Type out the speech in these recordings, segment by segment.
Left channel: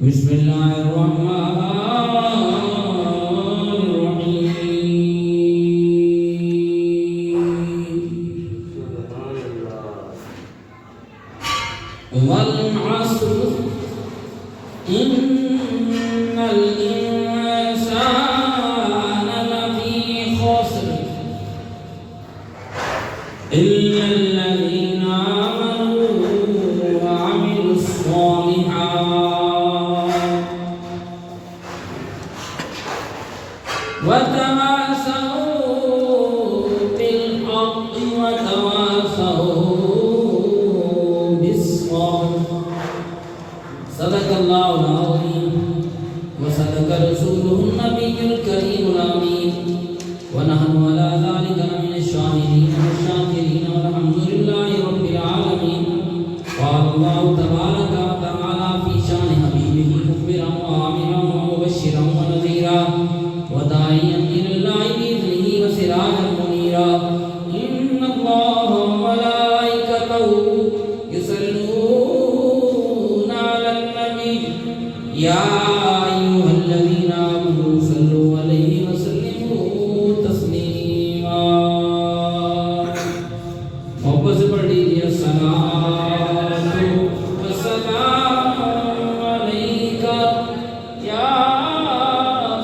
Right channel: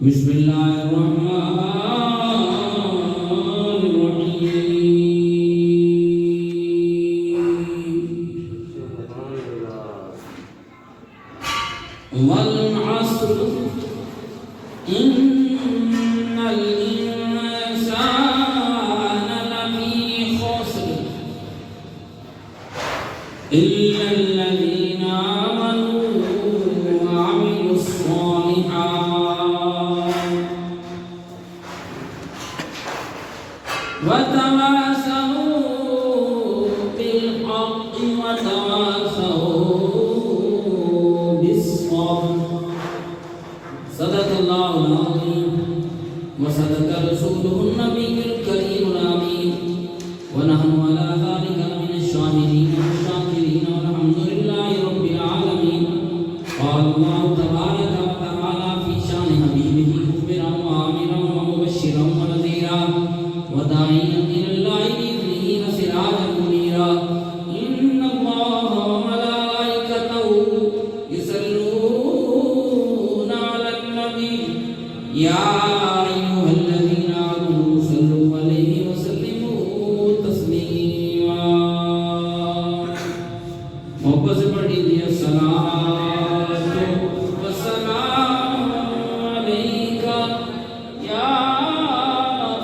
بسم اللہ الرحمن الرحیم والعصر ان الانسان لفی خسر الا الذین آمنوا وعملوا الصالحات وتواصوا بالحق وتواصوا بالصبر صدق اللہ العظیم وصدق رسوله النبی الکریم الامین ونحن على ذلك من الشاهدين والشاكرين والحمد لله رب العالمين قال الله تبارك وتعالى في شان حبيبه مخبرا وآمرا ومبشرا ونذيرا وداعيا إلى الله بإذنه وسراجا منيرا إن الله وملائكته يصلون على النبي يا أيها الذين آمنوا صلوا عليه وسلموا تسليما محبت سے پڑھ لیجیے الصلاۃ والسلام علیک یا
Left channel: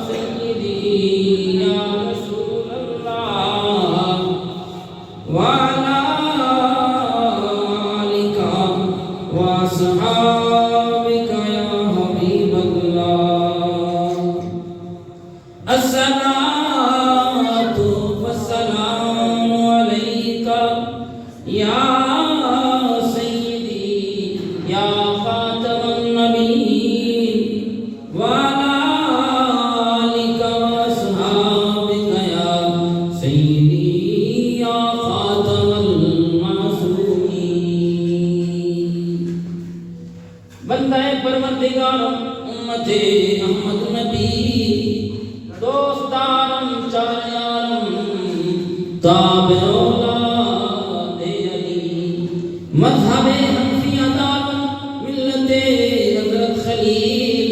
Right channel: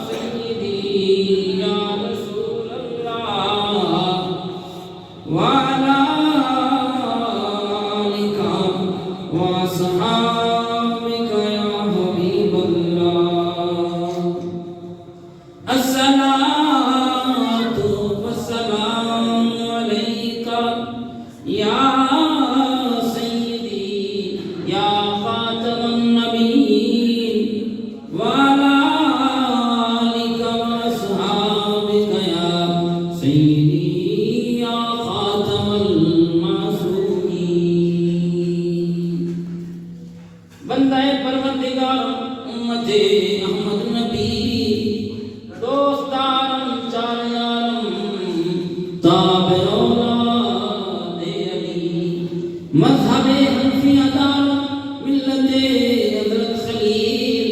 سیدی یا رسول اللہ وعلی آلک واصحابک یا حبیب اللہ الصلاۃ والسلام علیک یا سیدی یا خاتم النبیین وعلی آلک واصحابک یا سیدی یا خاتم المعصومین بندہ پروردگار امت احمد نبی دوستارم چاریارم تابع اولاد علی مذہب حنفی عدالت ملت حضرت خلیل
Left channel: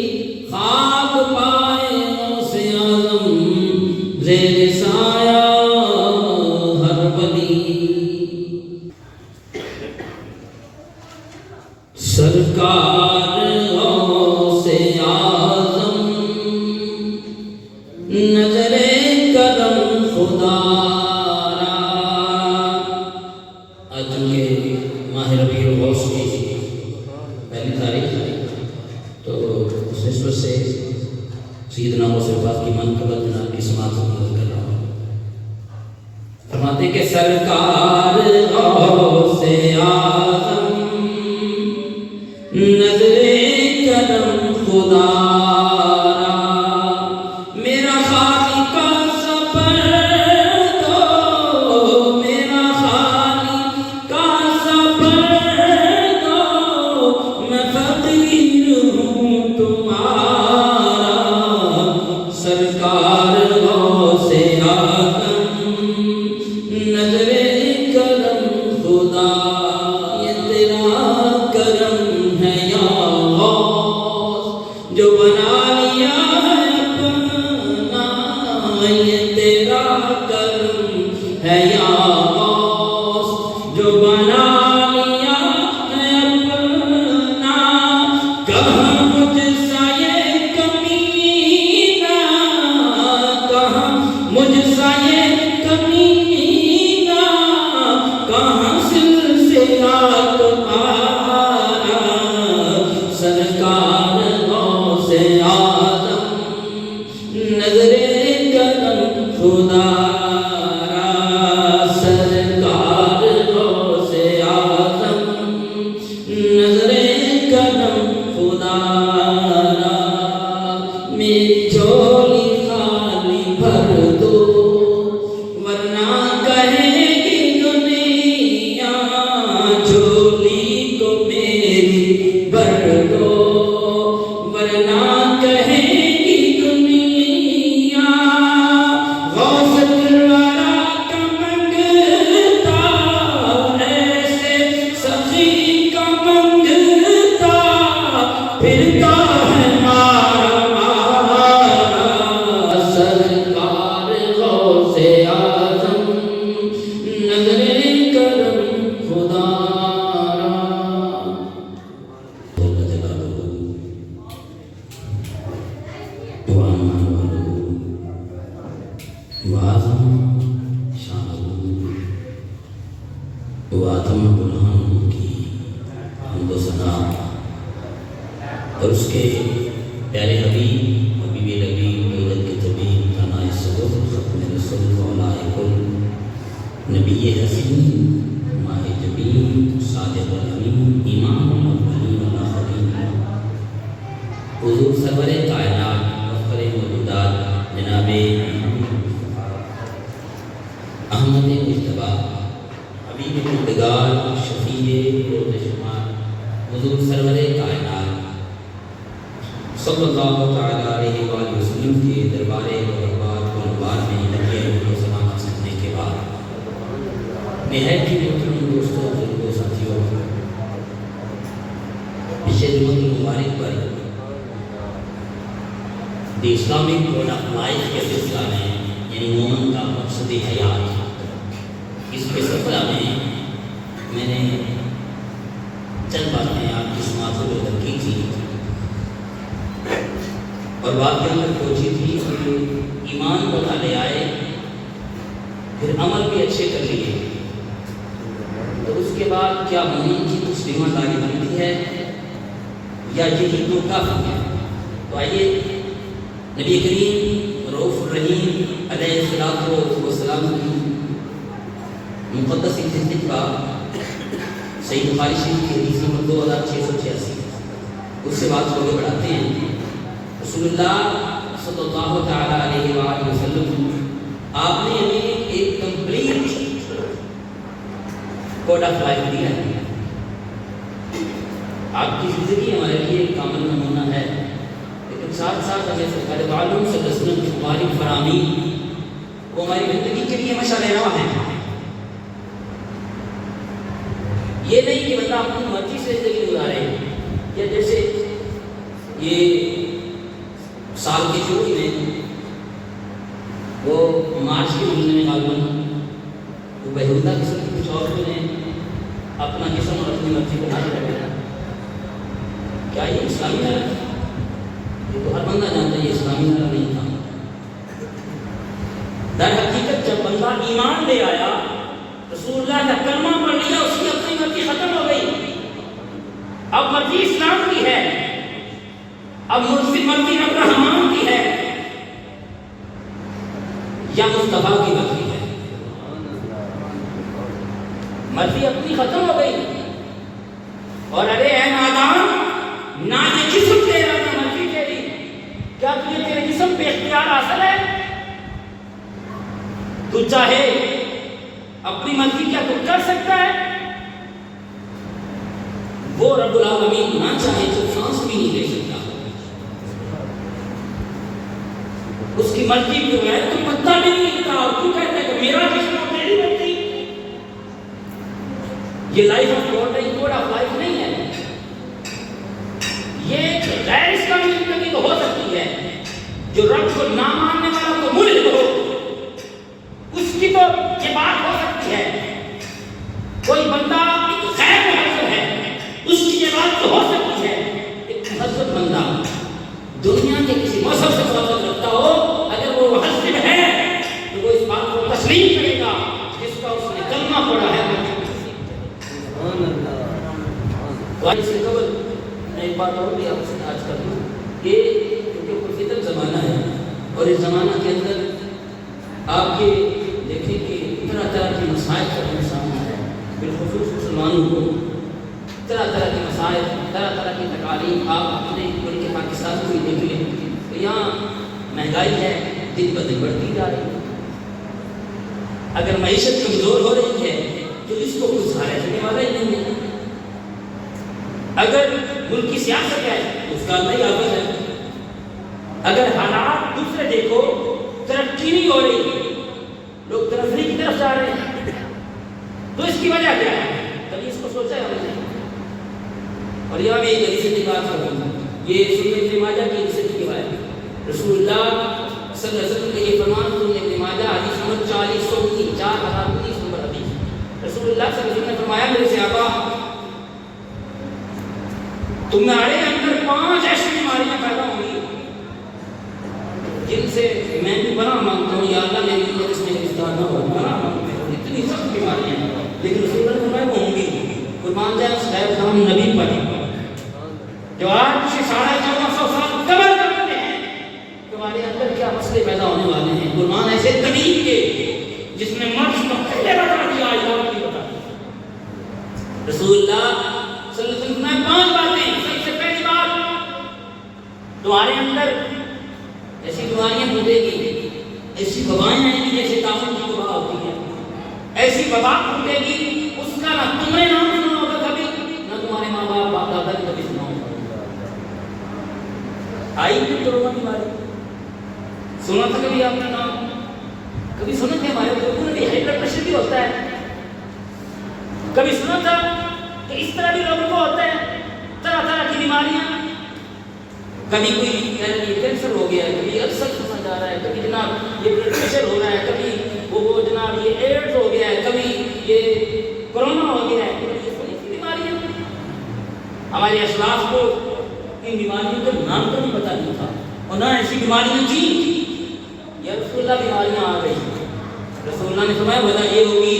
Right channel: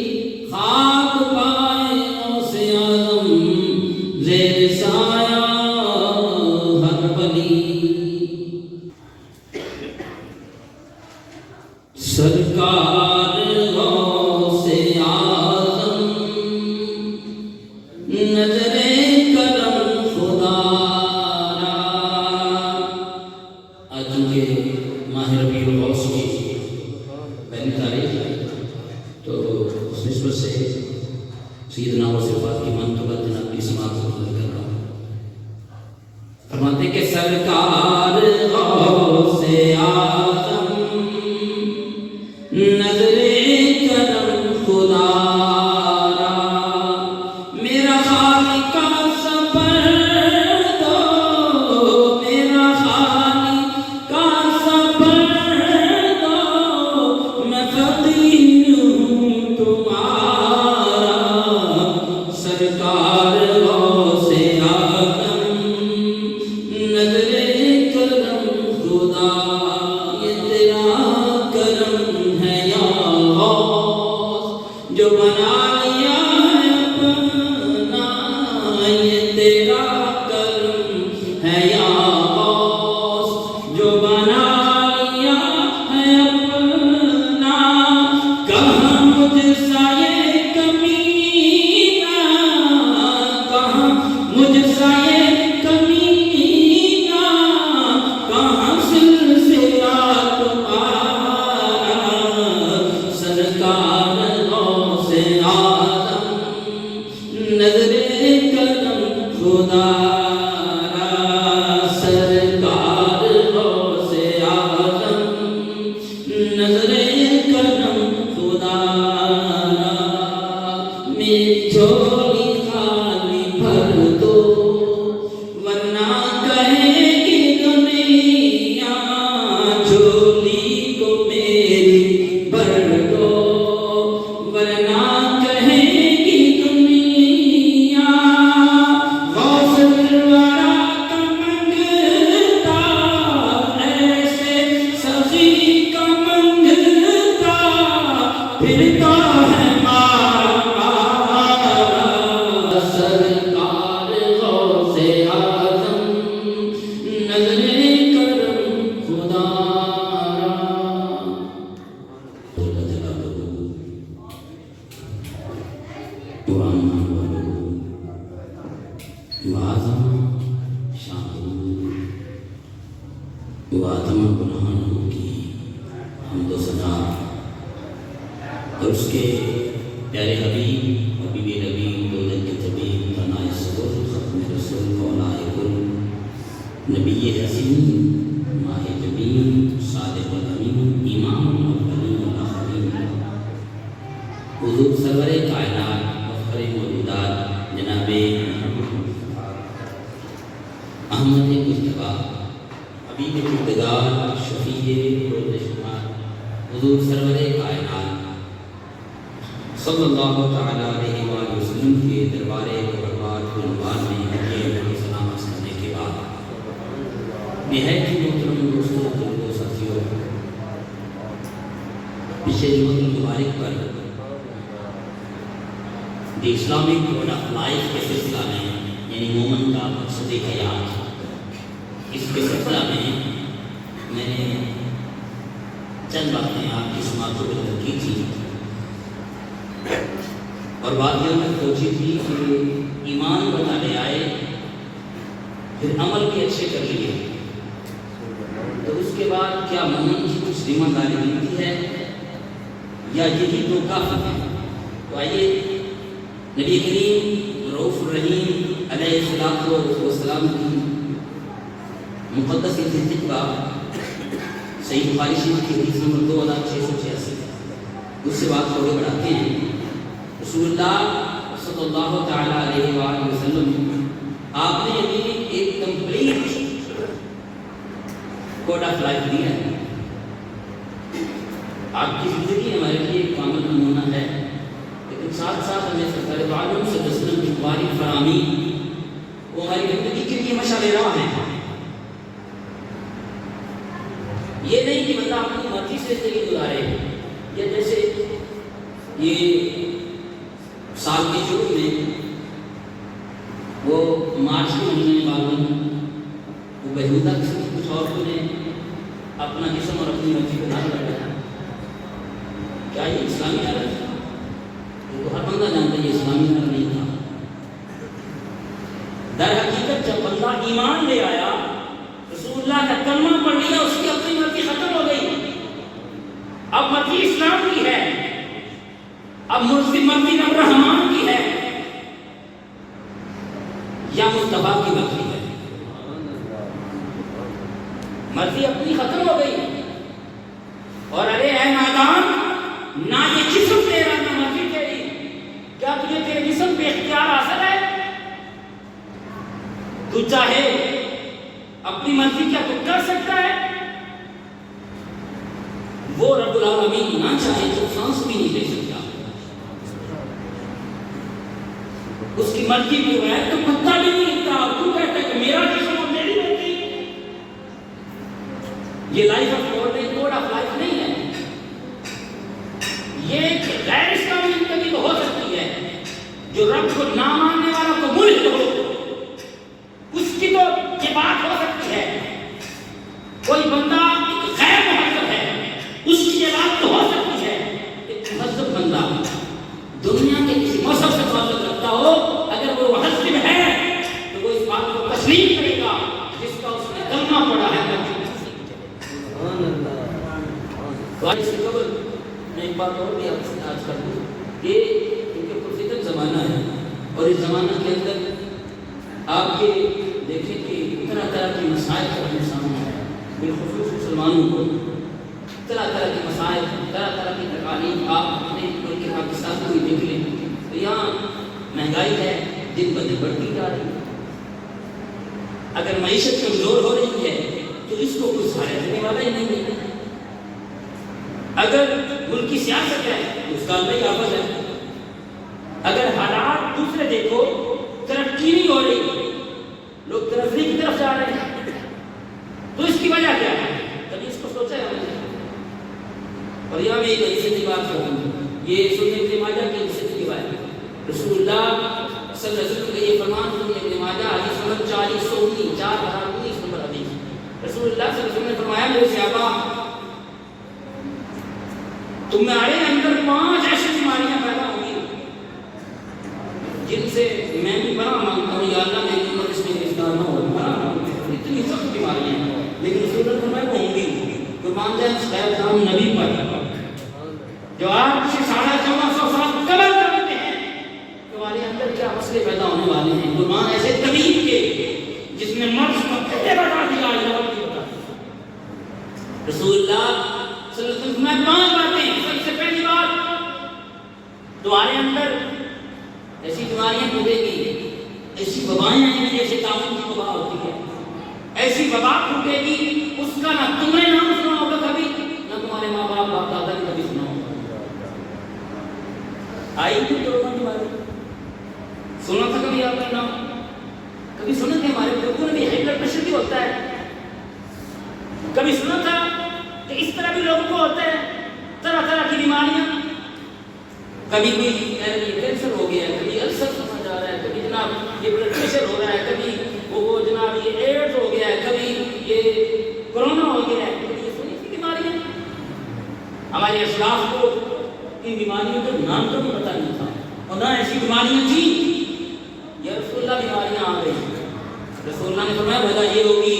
خاک پائے غوث اعظم زیر سایہ ہر ولی سرکار غوث اعظم نظر کرم خدا را آج چونکہ ماہ ربیع الاوس کی پہلی تاریخ ہے تو اس نسبت سے سیدنا غوث پاک کی منقبت جناب کی سماعت سے مدد کر رہا ہوں فرماتے کہ سرکار غوث اعظم نظر کرم خدا را میرا خالق کا سفر دو میرا خالق کا سفر دو میں فقیر ہوں تمہارا سرکار غوث اعظم نظر کرم خدا یہ تیرا کرم ہے یا غوث جو بنا لیا ہے اپنا یہ تیرا کرم ہے یا غوث جو بنا لیا ہے اپنا کہاں مجھ سا یہ کمینہ کہاں مجھ سا یہ کمینہ کہاں سلسلہ تمہارا سرکار غوث اعظم نظر کرم خدا را سرکار غوث اعظم نظر کرم خدا را میری جھولی خالی بھر دو ورنہ کہے گی دنیا جھولی کو میری بھر دو اور اس کے پیارے حبیب حبیب نبی دولت کے طبیب تنائے صدر ختم رسول فولاہ کل نبی حسین ماہ جبین صادق الامین امام الاولین والآخرین حضور سرور کائنات مفخر موجودات جناب احمد مجتبی حبیب مردگار شفیع روز شمار حضور سرور کائنات صلی اللہ تعالیٰ علیہ وآلہ وسلم کے دربار دربار میں رکھے ہوئے سلام کرنے کے بعد نہایت ہی محترم دوستوں بزرگوں ساتھیوں پچھلے جمعہ مبارک پر the Islamic code of life کے سلسلہ میں یعنی مومن کا مقصد حیات اس کے سلسلہ میں نے چند باتیں آپ کی سماعت کو رکھی تھی اور بات یہاں تک پہنچی تھی کہ ایمان بنا لے آئے پھر عمل بھی اچھے کر لیے تو اس کے بعد کیا مومن کی کچھ ذمہ داری بنتی ہے یا یہی تو کافی ہے؟ تو آئیے نبی کریم رؤوف الرحیم علیہ الصلوۃ والسلام کی مقدس کا صحیح بخاری شریف کی حدیث نمبر 2686 اس سے بات کو آگے بڑھاتے ہیں۔ رسول اللہ صلی اللہ تعالیٰ علیہ وآلہ وسلم آپ نے ہمیں ایک کمپلیٹ کوڈ آف لائف دیا ہے۔ آپ کی زندگی ہمارے لیے ایک کامل نمونہ ہے، لیکن ساتھ ساتھ ہمیں سرکار عالم سے دسن کی مبارک فراہمی وہ ہماری زندگی کے لیے مشعل راہ ہے۔ یہ نہیں کہ بندہ اپنی مرضی سے زندگی گزارے، یا جیسے یہ سال کے شروع میں وہ مارچ کے مہینے میں معلوم وہ بہودہ قسم کے کچھ عورتوں نے اپنا جسم اور اپنی مرضی کا نعرہ لگایا۔ کیا یہ اسلامی نعرہ ہے؟ یہ تو ہر بندہ جانتا ہے یہ اسلامی نعرہ نہیں تھا۔ در حقیقت جب بندہ ایمان لے آیا، رسول اللہ کا کلمہ پڑھ لیا، اس کی اپنی مرضی ختم ہو گئی، اب مرضی اسلام کی ہے، اب مرضی رب رحمان کی ہے یا مصطفیٰ کی مرضی ہے؟ مرضی اپنی ختم ہو گئی۔ اور ارے اے نادان، نہ یہ جسم تیرا نہ مرضی تیری، کیا تجھے تیرے جسم پہ اختیار حاصل ہے؟ تو چاہے اپنی مرضی کیا تو کر سکتا ہے؟ وہ رب العالمین نہ چاہے تو سانس بھی نہیں لے سکتا، اس کی مرضی جو ہے تو پتہ بھی نہیں لگتا، اور تو کہتا ہے کہ میرا جسم اور میری مرضی۔ یہ لائف آف گاڈ نہیں، کوڈ آف لائف نہیں ہے۔ یہ ایک غیر اسلامی زندگی تو ہو سکتی ہے، جو رب کو نہ ماننے والا تو ملحد ہو، اس کی تو یہ بات ہو سکتی ہے۔ کوئی بندہ ایک غیر مہذب ہے، اس کی یہ بات تو ہو سکتی ہے۔ ایک مہذب بندہ دنیا کے کسی مذہب سے تعلق رکھتا ہو، اگر وہ مہذب ہے تو وہ اس بات کو تسلیم کرے گا جس کا اس نے کلمہ پڑھا ہے۔ تو آج سے قبل میں ایک بات اور بھی آپ سے آج کر دوں کہ کیونکہ پرفتن زمانہ ہے، اور اس زمانہ کے اندر آپ کے دیکھیں کہ طرح طرح کے مسائل کا انسان ہے، بالخصوص مسلمانوں کو طرح طرح کے مسائل، طرح طرح کی تکالیف آپ اپنے ملک کے پاکستان کو بھی دیکھ لیں تو یہاں مہنگائی ہے، دن بدن بڑھتی جا رہی ہے۔ اگر معیشت کمزور ہو رہی ہے تو اس کو کوئی سہارا دینے والا ہی نہیں ہے۔ اگر ملک کی سیاست ہے تو اس کا نئی آفت ہے۔ اگر حالات دوسرے دیکھو، ترقی نہیں ہو رہی، لوگ ترقی کی طرف جا رہے ہیں، تو اس کی وجہ کیا ہے؟ کبھی اس کو سوچا ہے ہم نے؟ اور یہاں بھی ایک ایسی بات کروں، یہ سنن ابن ماجہ کی صحیح روایت ہے. رسول اللہ صلی اللہ علیہ وسلم کا یہ فرمان سنن ابن ماجہ حدیث نمبر 4019 نمبر حدیث. رسول اللہ صلی اللہ علیہ وسلم نے فرمایا میرے صحابہ تمہارے اندر 5 ایسی بیماریاں پیدا ہوں گی جن سے میں بھی پناہ مانگتا ہوں. یا اللہ میری امت اس میں گرفتار نہ ہو, پناہ مانگتا ہوں. اتنی سخت بیماریاں ہیں لیکن رسول اللہ نے فرمایا وہ ہوں گی. قربان جائے غیر نام نبی پر جو آج سے 1450 سال قبل کرتے ہیں تمہارے اندر کیا مسئلے پیدا ہونے والے ہیں. قربان ایسے طبیب کے جس نے مرض کو پہلے بتا دیا علاج بھی بتا دیا. رسول اللہ صلی اللہ علیہ وسلم میں 5 باتیں. سب سے پہلی بات تمہارے اندر ایسی بیماریاں پھوٹے گی, ایسی وبائیں آئیں گی جیسے طاعون کی وبا ہوتی ہے. ایسی وبا پھوٹے گی اس کا نہ تم نے نام سنا ہوگا کبھی, نہ تمہارے ماں باپ باپ دادا نے کبھی سنا ہوگا. آئی بھی کرونا کی بات سنا تھا کبھی آپ نے نام؟ کبھی سنے تھے ہمارے بزرگوں نے بھی ہائی بلڈ پریشر بھی ہوتا ہے؟ کبھی سنا تھا کہ اس طرح بھی لوگوں کو ہوتا ہے طرح طرح کی بیماریاں؟ کبھی کوئی کینسر ہو گیا ہے, کبھی السر سنا جا رہا ہے, کبھی جناب یہ بلڈ پریشر ہو رہا ہے, کبھی وہ جناب یہ ایڈز ہو گیا ہے, کبھی یہ کرونا ہو گیا ہے. کبھی یہ سنی تھی بیماریاں؟ ہمارے اسلاف کو ان بیماریوں کا نام کا بھی پتہ نہیں تھا اور نہ ایسی بیماریاں تھیں. یا رسول اللہ بیماریاں آ گئی. رسول اللہ نے فرمایا وجہ یہ ہوگی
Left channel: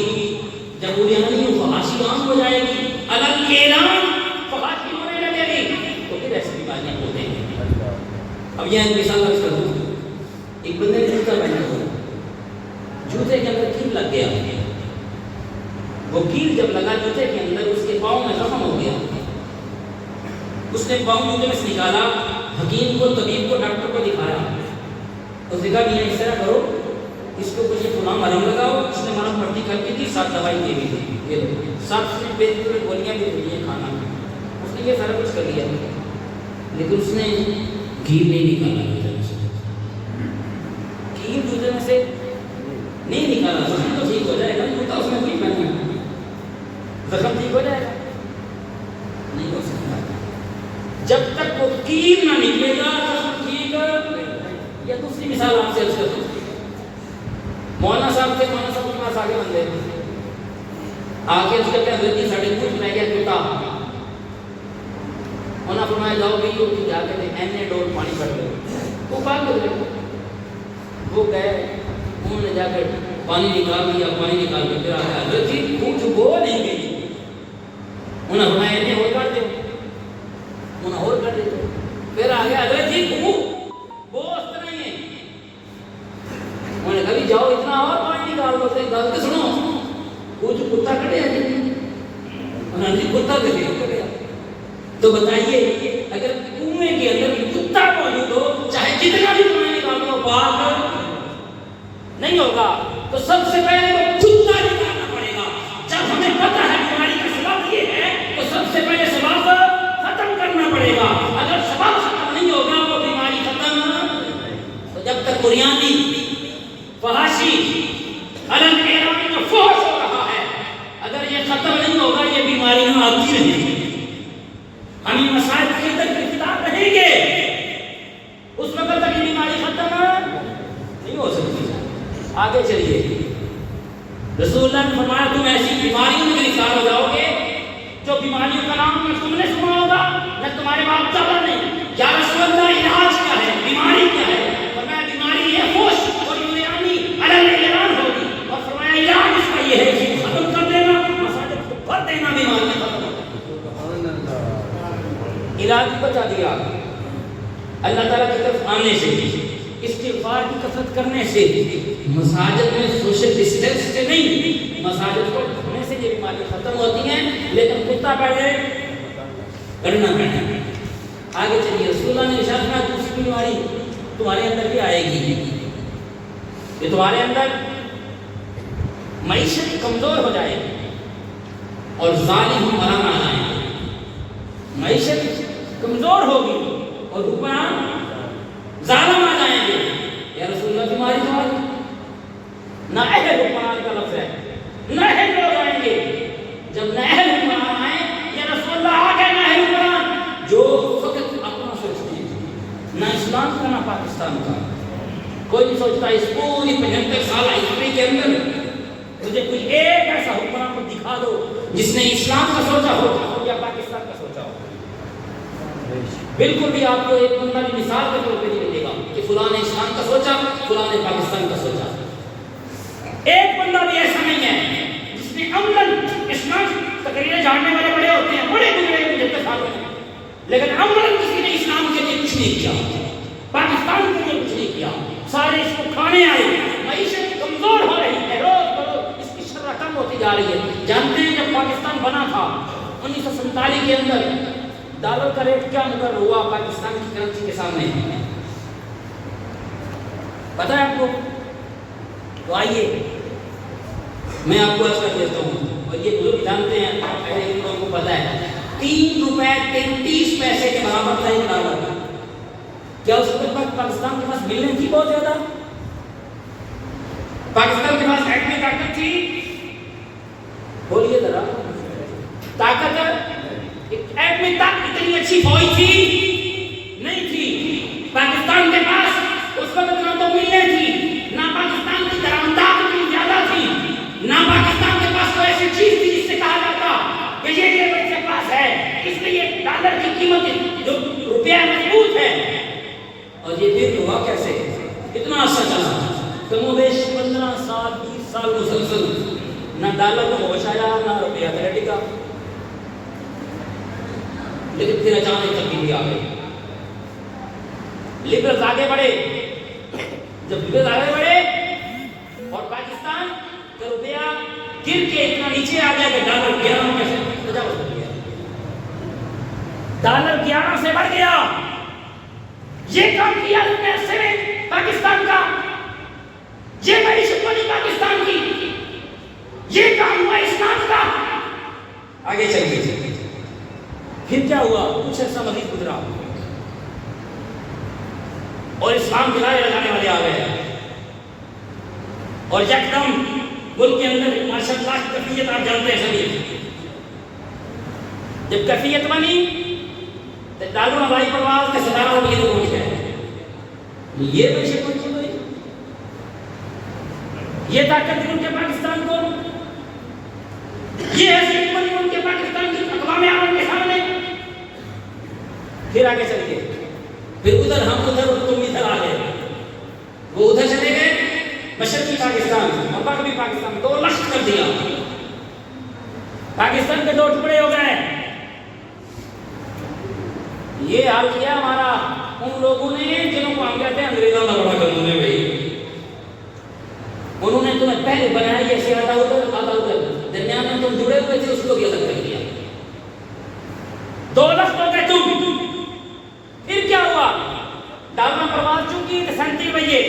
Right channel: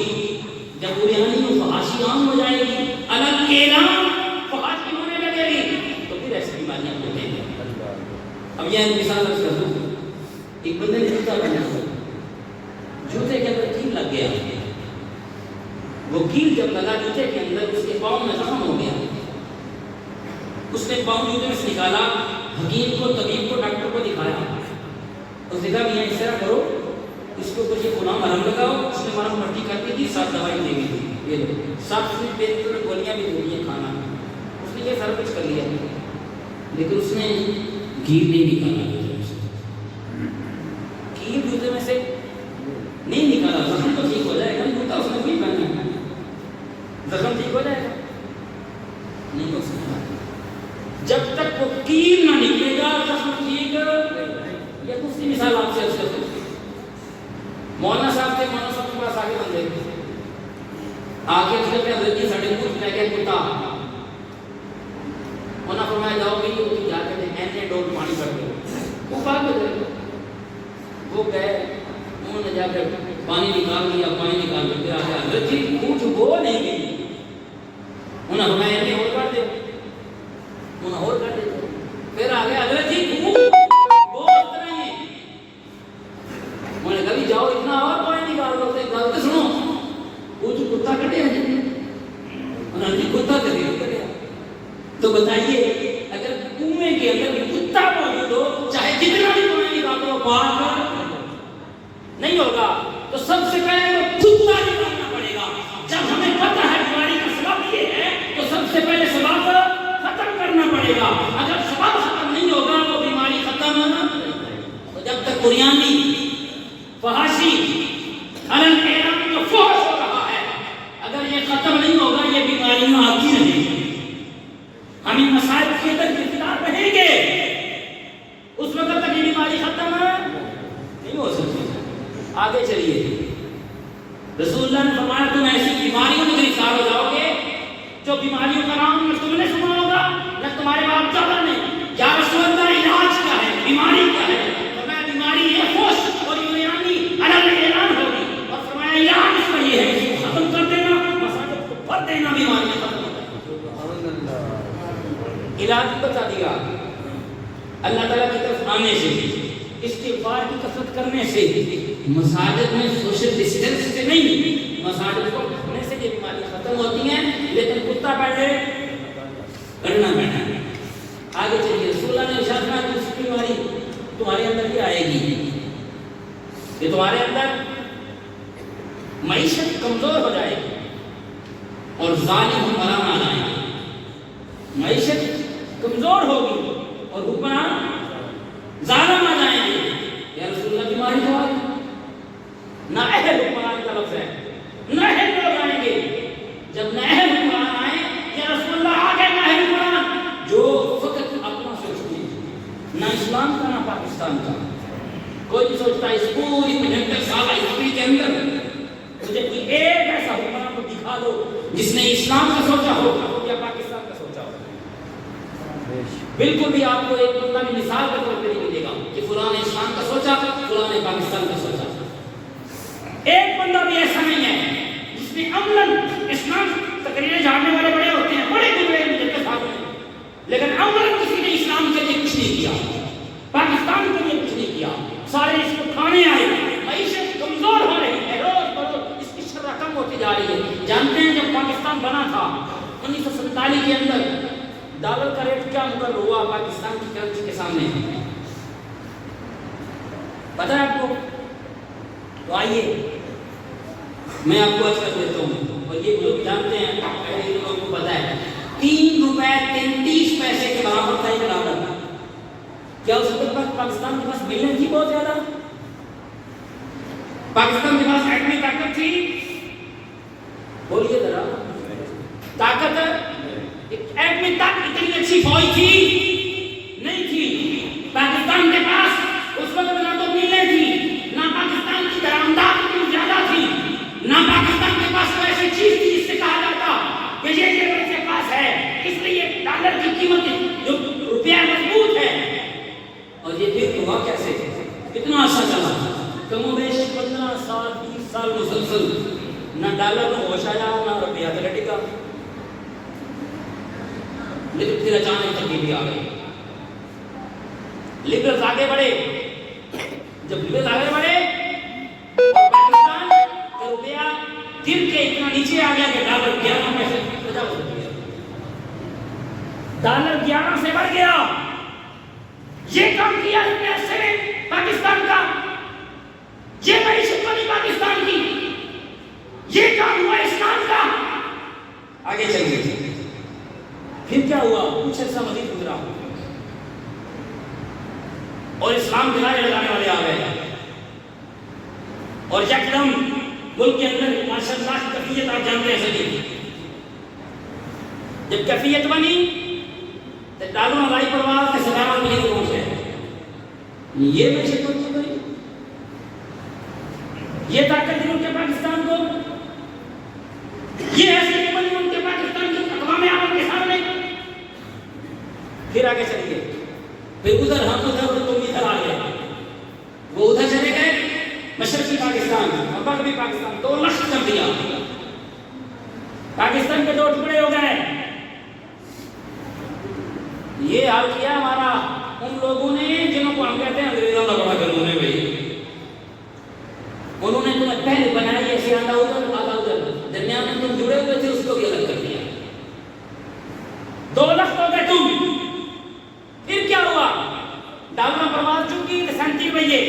جب پوری ہماری فحاشی عام ہو جائے گی, الگ اعلان فحاشی ہونے لگے گی تو پھر ایسی بیماریاں ہوتے ہیں. اب یہ مثال عرض کر دوں. ایک بندے نے جوتا پہنا تھا, جوتے کے اندر کیل لگ گیا. وہ کیل جب لگا جوتے کے اندر اس کے پاؤں میں زخم ہو گیا. اس نے پاؤں جوتے میں سے نکالا, حکیم کو, طبیب کو, ڈاکٹر کو دکھایا. اس نے کہا میاں اس طرح کرو, اس کے اوپر یہ فلاں مرہم لگاؤ. اس نے مرہم پٹی کر کے دی, 7 دوائی دے بھی دی, یہ لو 7 سے پین کلر گولیاں بھی دے دی کھانا. اس نے یہ سارا کچھ کر لیا لیکن اس نے کیل نہیں نکالا. کیل جوتے میں سے نہیں نکالا. زخم تو ٹھیک ہو جائے گا, جوتا اس نے وہی پہنا, زخم ٹھیک ہو جائے گا؟ نہیں ہو سکتا جب تک وہ کیل نہ نکلے گا. زخم ٹھیک یا دوسری مثال آپ سے عرض کرتا ہوں. مولانا صاحب تھے, مولانا صاحب کے پاس آگے بندے آگے اس کے حضرت جی ساڑھے کچھ میں گیا کتا. انہوں نے فرمایا جاؤ بھی وہ جا کے این اے ڈول پانی کر دو. وہ بھاگ گئے. وہ گئے, انہوں نے جا کر پانی نکال دیا. پانی نکال کے پھر آ گیا حضرت جی کچھ وہ نہیں گئی. انہوں نے فرمایا این اے اور کر دو. انہوں نے اور کر دیتے. پھر آ گیا حضرت جی انہوں نے کہا بھی جاؤ اتنا اور پانی نکال دو. گل تو سنو, کچھ کتا کٹیا انہوں نے جی کتا کٹیا. تو بتائیے اگر کنویں کے اندر کتا موجود ہو چاہے جتنا بھی پانی نکال دو پاک نہیں ہوگا. تو سب سے پہلے وہ کتا نکالنا پڑے گا. جب ہمیں پتہ ہے بیماری کا سبب یہ ہے تو سب سے پہلے سبب ختم کرنا پڑے گا. اگر سبب ختم نہیں ہوگا وہ بیماری ختم. تو جب تک بنیادی فحاشی الگ اعلان میں فحش ہو رہا ہے, اگر یہ ختم نہیں ہوگا یہ بیماریاں آتی رہیں گی. ہمیں مسائل کے اندر گرفتار رہیں گے, اس وقت تک یہ بیماری ختم نہیں ہو سکتی. آگے چلیے. رسول اللہ نے فرمایا تم ایسی بیماریوں میں گرفتار ہو جاؤ گے جو بیماریوں کا نام نہ تم نے سنا ہوگا نہ تمہارے باپ دادا نے. یا رسول اللہ علاج کیا ہے, بیماری کیا ہے؟ فرمایا بیماری یہ ہوش اور یونانی الگ اعلان ہوگی. اور فرمایا علاج اس کا یہ ہے کہ ختم کر دینا, مساجد کو بھر دینا, بیماریاں ختم ہو جائیں. علاج بتا دیا اللہ تعالیٰ کی طرف آنے سے, استغفار کی کثرت کرنے سے, مساجد میں سوشل ڈسٹینس سے نہیں, مساجد کو بھرنے سے یہ بیماری ختم ہوتی ہیں. لیکن کتا پہلے کرنا پڑنا. آگے چلیے. رسول اللہ نے ارشاد فرمایا دوسری بیماری تمہارے اندر کیا آئے گی کہ تمہارے اندر معیشت کمزور ہو جائے گی اور ظالم حکمران آ جائیں گے. معیشت کمزور ہوگی اور حکمران ظالم آ جائیں گے. یا رسول اللہ بیماری تو آئی نہ اہل حکمران کا لفظ ہے, نہ اہل لوگ آئیں گے. جب نہ اہل حکمران آئے یا رسول اللہ آ گئے نہ اہل حکمران جو فقط اپنا سوچ نہ اسلام کا نہ پاکستان کا. کوئی نہیں سوچتا اس پوری 75 سال ہسٹری کے اندر مجھے کوئی ایک ایسا حکمران کو دکھا دو جس نے اسلام کا سوچا ہو یا پاکستان کا سوچا ہو. بالکل بھی آپ کو ایک بندہ بھی مثال کے طور پہ نہیں ملے گا کہ فلاں نے اسلام کا سوچا, فلاں نے پاکستان کا سوچا. ایک بندہ بھی ایسا نہیں ہے جس نے عملاً اسلام تقریریں جھاڑنے والے بڑے ہوتے ہیں, بڑے گزرے جتنے ساتھوں میں, لیکن عملاً کسی نے اسلام کے لیے کچھ نہیں کیا, پاکستان کے لیے کچھ نہیں کیا. سارے اس کو کھانے آئے, معیشت کمزور ہو رہی ہے, روز بروز اس کی شرح کم ہوتی جا رہی ہے. جانتے ہیں جب پاکستان بنا تھا 1947 کے اندر ڈالر کا ریٹ کیا مقرر ہوا پاکستان کی کرنسی کے سامنے, پتہ ہے آپ کو؟ تو آئیے میں آپ کو آج کر دیتا ہوں, اور یہ لوگ جانتے ہیں, پہلے ان لوگوں کو پتہ ہے 3 روپے 33 پیسے کے برابر تھا ایک ڈالر. کیا اس وقت پاکستان کے پاس ملیں تھی بہت زیادہ؟ پاکستان کے پاس ایٹمی طاقت تھی؟ بولیے ذرا, طاقت ایٹمی طاقت اتنی اچھی فوج تھی نہیں تھی. پاکستان کے پاس اس وقت نہ تو ملیں تھی, نہ پاکستان کی درآمدات اتنی زیادہ تھی, نہ پاکستان کے پاس کوئی ایسی چیز تھی جس سے کہا جاتا کہ یہ میرے پاس ہے, اس لیے ڈالر کی قیمت جو روپیہ مضبوط ہے. اور یہ پھر ہوا کیسے؟ اتنا عرصہ چلا, کم و بیش 15 سال 20 سال مسلسل نہ ڈالر کو ہوش آیا نہ روپیہ تلے ٹکا. لیکن پھر اچانک تبدیلی آ گئی, لبرلز آگے بڑھے. جب لبرلز آگے بڑھے اور پاکستان کا روپیہ گر کے اتنا نیچے آ گیا کہ ڈالر 11 میں سے 50 ہو گیا, ڈالر 11 سے بڑھ گیا. یہ کام کیا اتنے عرصے میں پاکستان کا, یہ معیشت بنی پاکستان کی, یہ کام ہوا اسلام کا. آگے چلیے پھر کیا ہوا؟ کچھ عرصہ مزید گزرا اور اسلام کے نعرے لگانے والے آ گئے, اور یکدم ملک کے اندر ماشاء اللہ کی کیفیت آپ جانتے ہیں سبھی. جب کیفیت بنی تو ڈالر ہوائی پرواز کے 17 روپے کو پہنچ گئے. یہ معیشت پہنچی گئی, یہ طاقت دی ان کے پاکستان کو, یہ حیثیت بنی ان کے پاکستان کی اقوام عالم کے سامنے. پھر آگے چلیے, پھر ادھر ہم ادھر اور تم ادھر آ گئے. وہ ادھر چلے گئے مشرقی پاکستان اور مغربی پاکستان, 2 لشکر کر دیا. پاکستان کے 2 ٹکڑے ہو گئے. یہ حال کیا ہمارا ان لوگوں نے جنہوں کو ہم کہتے ہیں انگریزوں کا بڑا قانون ہے بھائی. انہوں نے تمہیں پہلے بنایا یہ آدھا ادھر آدھا ادھر, درمیان میں تم جڑے ہوئے تھے, اس کو بھی الگ کر دیا. 2 لفظ ہو گئے تم. پھر کیا ہوا؟ ڈالر پرواز چونکی 37 بجے.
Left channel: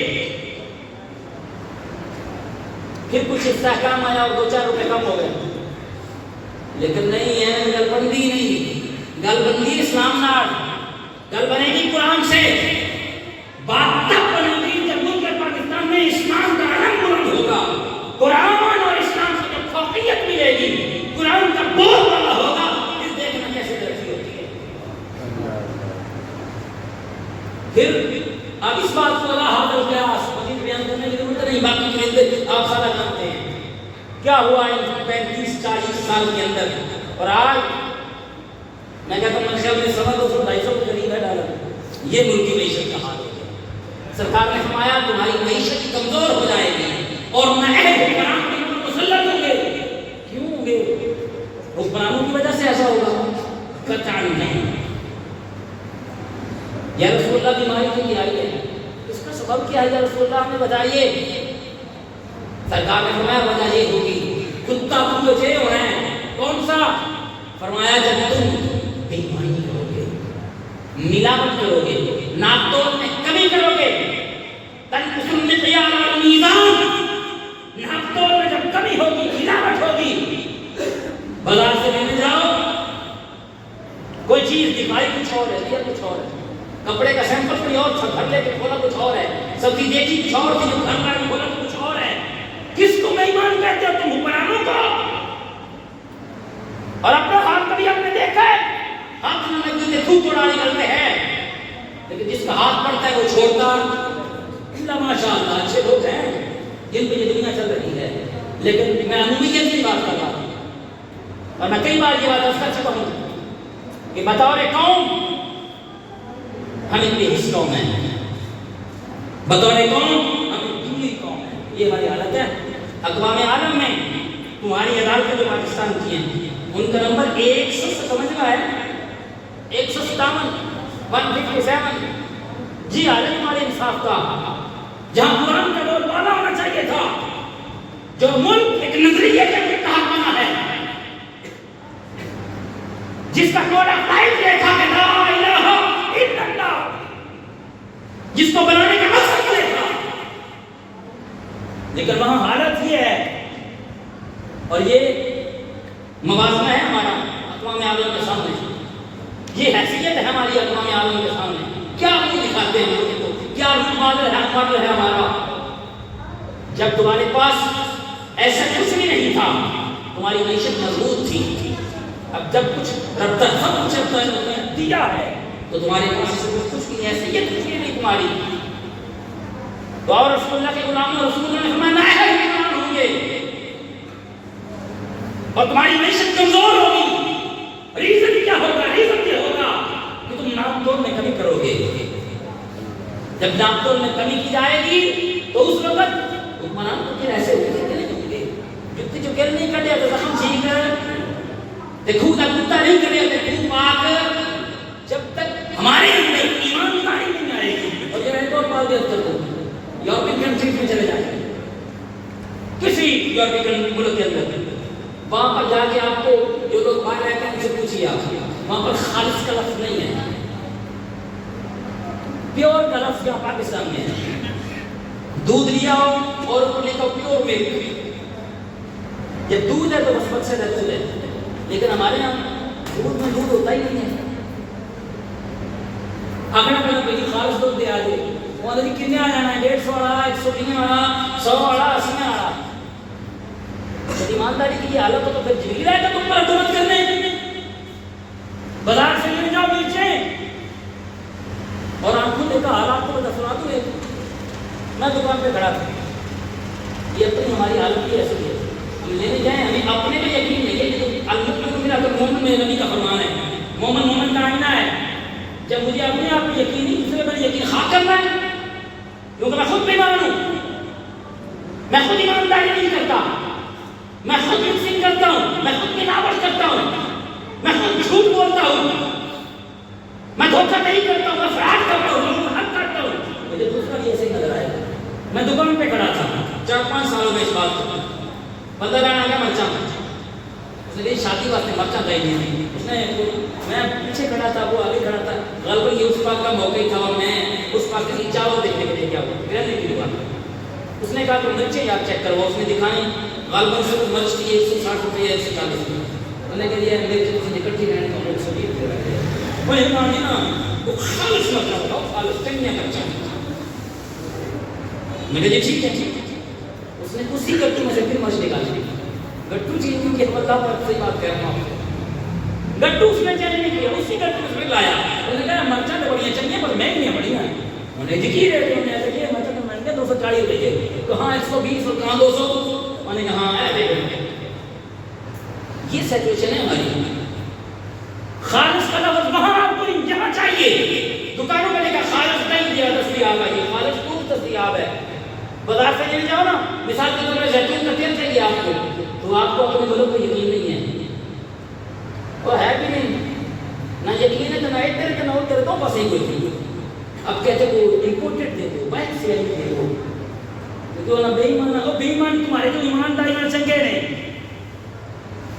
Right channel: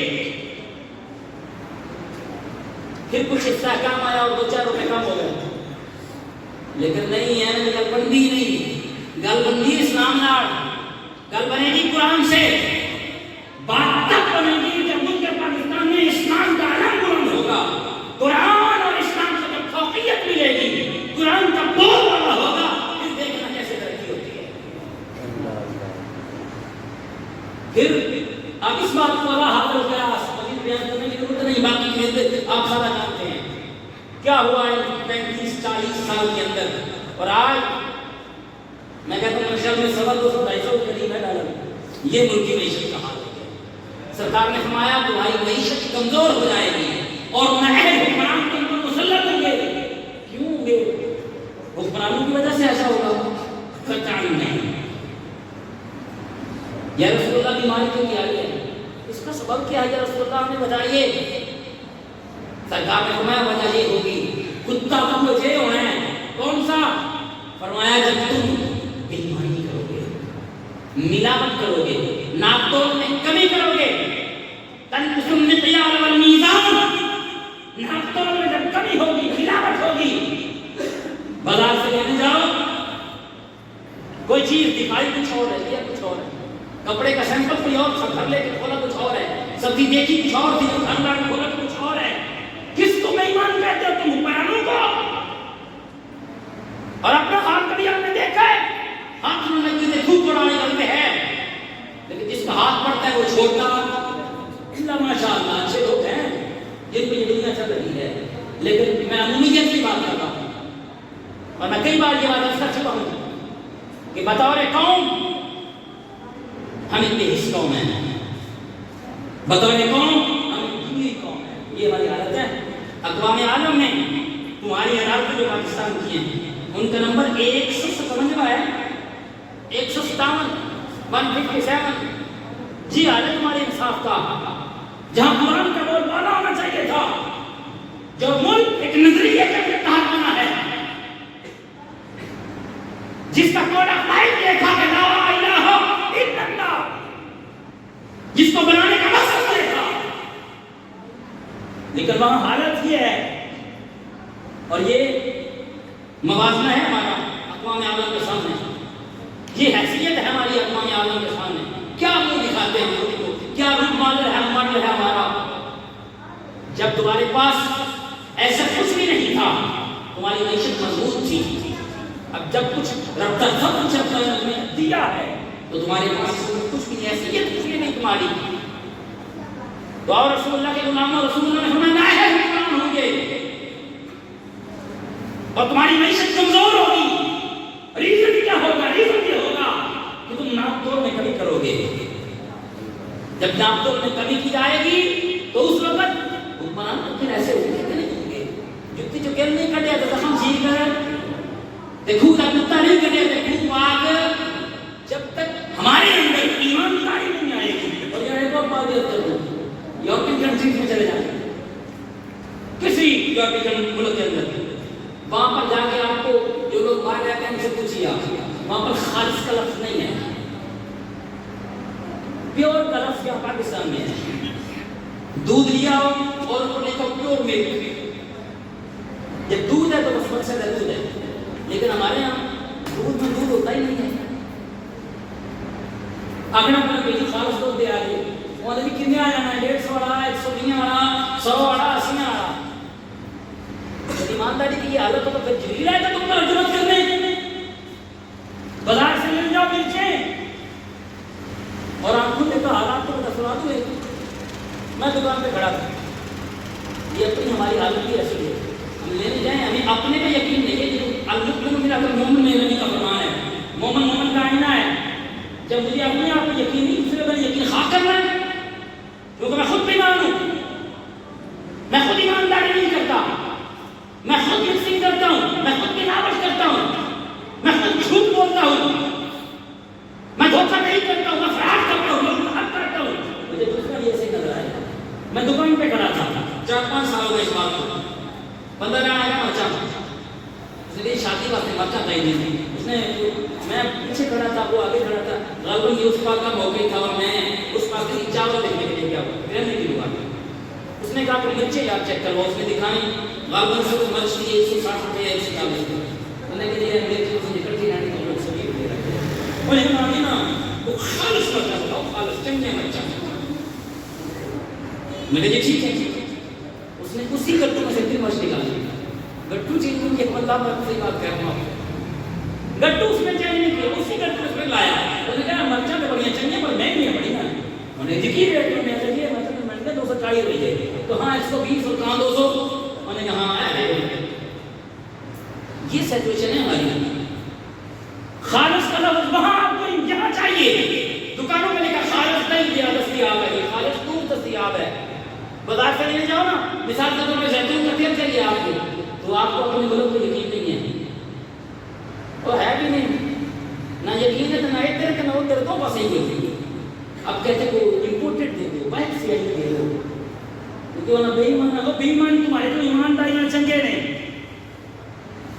پھر کچھ استحکام آیا اور 2-4 روپے کم ہو گئے. لیکن نہیں ہے, گل بندی نہیں, گل بندی اسلام نال, گل بنے گی قرآن سے. بات تب بنے گی جب ملک پاکستان میں اسلام کا علم بلند ہوگا. قرآن اور اسلام کو جب فوقیت ملے گی, قرآن کا بول والا ہوگا, پھر دیکھنا کیسے ترقی ہوتی ہے. پھر اب اس بات کو اللہ حاضر قیاس مزید بیان کرنے کی ضرورت نہیں, باقی چیزیں آپ سارا جانتے ہیں کیا ہوا ان 35-40 سال کے اندر. اور آج میں کہتا ہوں منشا میں 200-250 کے قریب ہے ڈالر. یہ ملک کی معیشت کا حال ہو گیا. سرکار نے فرمایا تمہاری معیشت کمزور ہو جائے گی اور نااہل حکمران تم پر مسلط ہوں گے. کیوں ہوں گے؟ حکمرانوں کی وجہ سے ایسا ہوگا؟ قطعاً نہیں. یا رسول اللہ بیماری تو کیا ہے, اس کا سبب کیا ہے یا رسول اللہ ہمیں بتائیے. سرکار نے فرمایا وجہ یہ ہوگی کتا پوچھے ہونا ہے. کون سا؟ فرمایا جب تم بےایمانی کرو گے, ملاوٹ کرو گے, ناپ تول میں کمی کرو گے, تنقص المکیال والمیزان, ناپ تول میں جب کمی ہوگی, ملاوٹ ہوگی, بازار سے لینے جاؤ کوئی چیز دکھائی کچھ اور ہے, دیا کچھ اور ہے, کپڑے کا سیمپل کوئی اور تھا, گھر لے کے کھولا کچھ اور ہے, سبزی دیکھی کچھ اور تھی, گھر لا کے کھولا کچھ اور ہے. کس کو بے ایمان کہتے ہو تم؟ حکمرانوں کو. اور اپنا ہاتھ کبھی ہم نے دیکھا ہے؟ ہاتھ میں تھوک اڑانے گل میں ہے, لیکن جس کا ہاتھ پڑتا ہے وہ چھوڑتا اللہ ماشاء اللہ اچھے لوگ ہیں جن پہ یہ دنیا چل رہی ہے، لیکن میں عمومیت کی بات کر رہا ہوں، اور میں کئی بار یہ بات عرض کر چکا ہوں کہ بطور قوم ہم اتنی حص قوم ہیں، بطور قوم ہم اتنی قوم ہے، یہ ہماری حالت ہے۔ اقوام عالم میں تمہاری عدالتیں جو پاکستان کی ہیں ان کا نمبر 157 ہے، 157 157۔ جی حالت تمہارے انصاف کا، جہاں قرآن کا بول بالا ہونا چاہیے تھا، جو ملک ایک نظریے کے تحت بنا ہے، جس کا کوڈ آف لائف یہ تھا کہ لا الہ الا اللہ، جس کو بنانے کا مقصد یہ تھا، لیکن وہاں حالت یہ ہے، اور یہ موازنہ ہے ہمارا اقوام عالم کے سامنے، یہ حیثیت ہے ہماری اقوام عالم کے سامنے، کیا منہ دکھاتے ہیں لوگوں کو، کیا روپ ماڈل ہے ہمارا۔ جب تمہارے پاس ایسا کچھ بھی نہیں تھا، تمہاری معیشت مضبوط تھی، اب جب کچھ رب کا سب کچھ انہوں نے دیا ہے تو تمہارے پاس کچھ بھی حیثیت کچھ بھی نہیں تمہاری۔ تو اور رسول اللہ کے غلاموں، رسول اللہ نے فرمایا نااہل حکمران ہوں گے اور تمہاری معیشت کمزور ہوگی۔ ریزن کیا ہوگا؟ ریزن یہ ہوگا کہ تم ناپ تول میں کمی کرو گے۔ جب ناپ تول میں کمی کی جائے گی تو اس وقت حکمران تو پھر ایسے ہوتے نہیں ہوں گے، جتنی جو کل نہیں کٹے تو زخم ٹھیک تے خود کتا نہیں کٹے تے خود پاک، جب تک ہمارے اندر ایمانداری نہیں آئے گی۔ اور یہ ایک اور بات یاد کرو، یورپین کنٹریز میں چلے جاتے ہیں، کسی یورپین ملک کے اندر، وہاں پر جا کے آپ کو جو لوگ باہر رہتے ہیں ان سے پوچھیے، آپ وہاں پر خالص کا لفظ نہیں ہے، پیور کا لفظ یہاں پاکستان میں ہے۔ دودھ لیا ہو اور اوپر لکھا پیور ملک، جب دودھ ہے تو بس مقصد ہے دودھ ہے، لیکن ہمارے یہاں دودھ میں دودھ ہوتا ہی نہیں ہے۔ اگنا پہنا کوئی خالص دودھ دے آجے، وہ آدھے کتنے آ جانا ہے، 150 والا، 120 والا، 100 والا، 80 والا۔ جب ایمانداری کی یہ حالت ہو تو پھر جبریل آئے گا تم پر حکومت کرنے، بازار سے مل جاؤ نیچے، اور آنکھوں دیکھا حالات کو بتا دوں۔ میں دکان پہ کھڑا تھا، یہ اپنی ہماری حالت کی ایسی ہے، ہم لینے جائیں ہمیں اپنے پہ یقین نہیں ہے، لیکن اللہ میرا تو مومن میں نبی کا فرمان ہے، مومن مومن کا آئینہ ہے۔ جب مجھے اپنے آپ پہ یقین نہیں، دوسرے پر یقین خاک کرنا ہے، کیونکہ میں خود بیمان ہوں، میں خود ایمانداری نہیں کرتا، میں خود مکسنگ کرتا ہوں، میں خود ملاوٹ کرتا ہوں، میں خود جھوٹ بولتا ہوں، میں دھوکہ نہیں کرتا ہوں، میں فراڈ کرتا ہوں، میں حق کرتا ہوں۔ مجھے دوسرا بھی ایسے ہی نظر آئے گا۔ میں دکان پہ کھڑا تھا 4-5 سالوں میں اس بات کو، بندہ لانا گیا مرچا، اس نے کہی شادی واسطے مرچا دے دی، اس نے میں پیچھے کھڑا تھا، وہ آگے کھڑا تھا، غالباً یہ اس بات کا موقع ہی تھا، اور میں اس بات کی چاول دیکھنے کے لیے گیا ہوا گرنے کی دکان۔ اس نے کہا کہ مرچیں یار چیک کرو، اس نے دکھائیں، غالباً سے مرچ کی 160 روپئے 140 روپئے، انہوں نے کہا یہ میرے سے نکلتی رہنے تو لوگ سبھی دے رہے ہیں، وہ مانی نا وہ خالص مرچا بتاؤ، خالص چنگیا مرچا۔ میں نے کہا ٹھیک ہے ٹھیک ہے۔ اس نے اسی گٹو میں سے پھر مرچ نکالی، گٹو چینج نہیں کیا، اللہ میں صحیح بات کہہ رہا ہوں آپ سے، گٹو اس نے چینج نہیں کیا، اسی گٹو میں سے لایا۔ انہوں نے کہا مرچا تو بڑی چنگی پر مہنگی بڑی ہیں، انہوں نے دیکھی ریٹ میں ایسے کیا، مرچا تو مہنگا 240 روپئے، کہاں 120 اور کہاں 200، انہوں نے کہا ہاں ہے۔ یہ سچویشن ہے ہماری، خالص کا لفظ وہاں آپ کو یہاں چاہیے، دکانوں میں لکھا خالص نہیں دیا دستیاب ہے، یہ خالص دودھ دستیاب ہے۔ بازار سے لینے جاؤ نا، مثال کے طور پر زیتون کا تیل چاہیے آپ کو، تو آپ کو اپنے ملک کو یقین نہیں ہے، وہ ہے کہ نہیں، نہ یقین ہے تو نہ ایک طرح نہ اور طرح، دو بس ایک ہوئی تھی۔ اب کہتے وہ امپورٹڈ دے دو، باہر سے آئی دے دو، تو نہ بے ایمان نہ بے ایمان، تمہارے تو ایمانداری میں چنگے نہیں،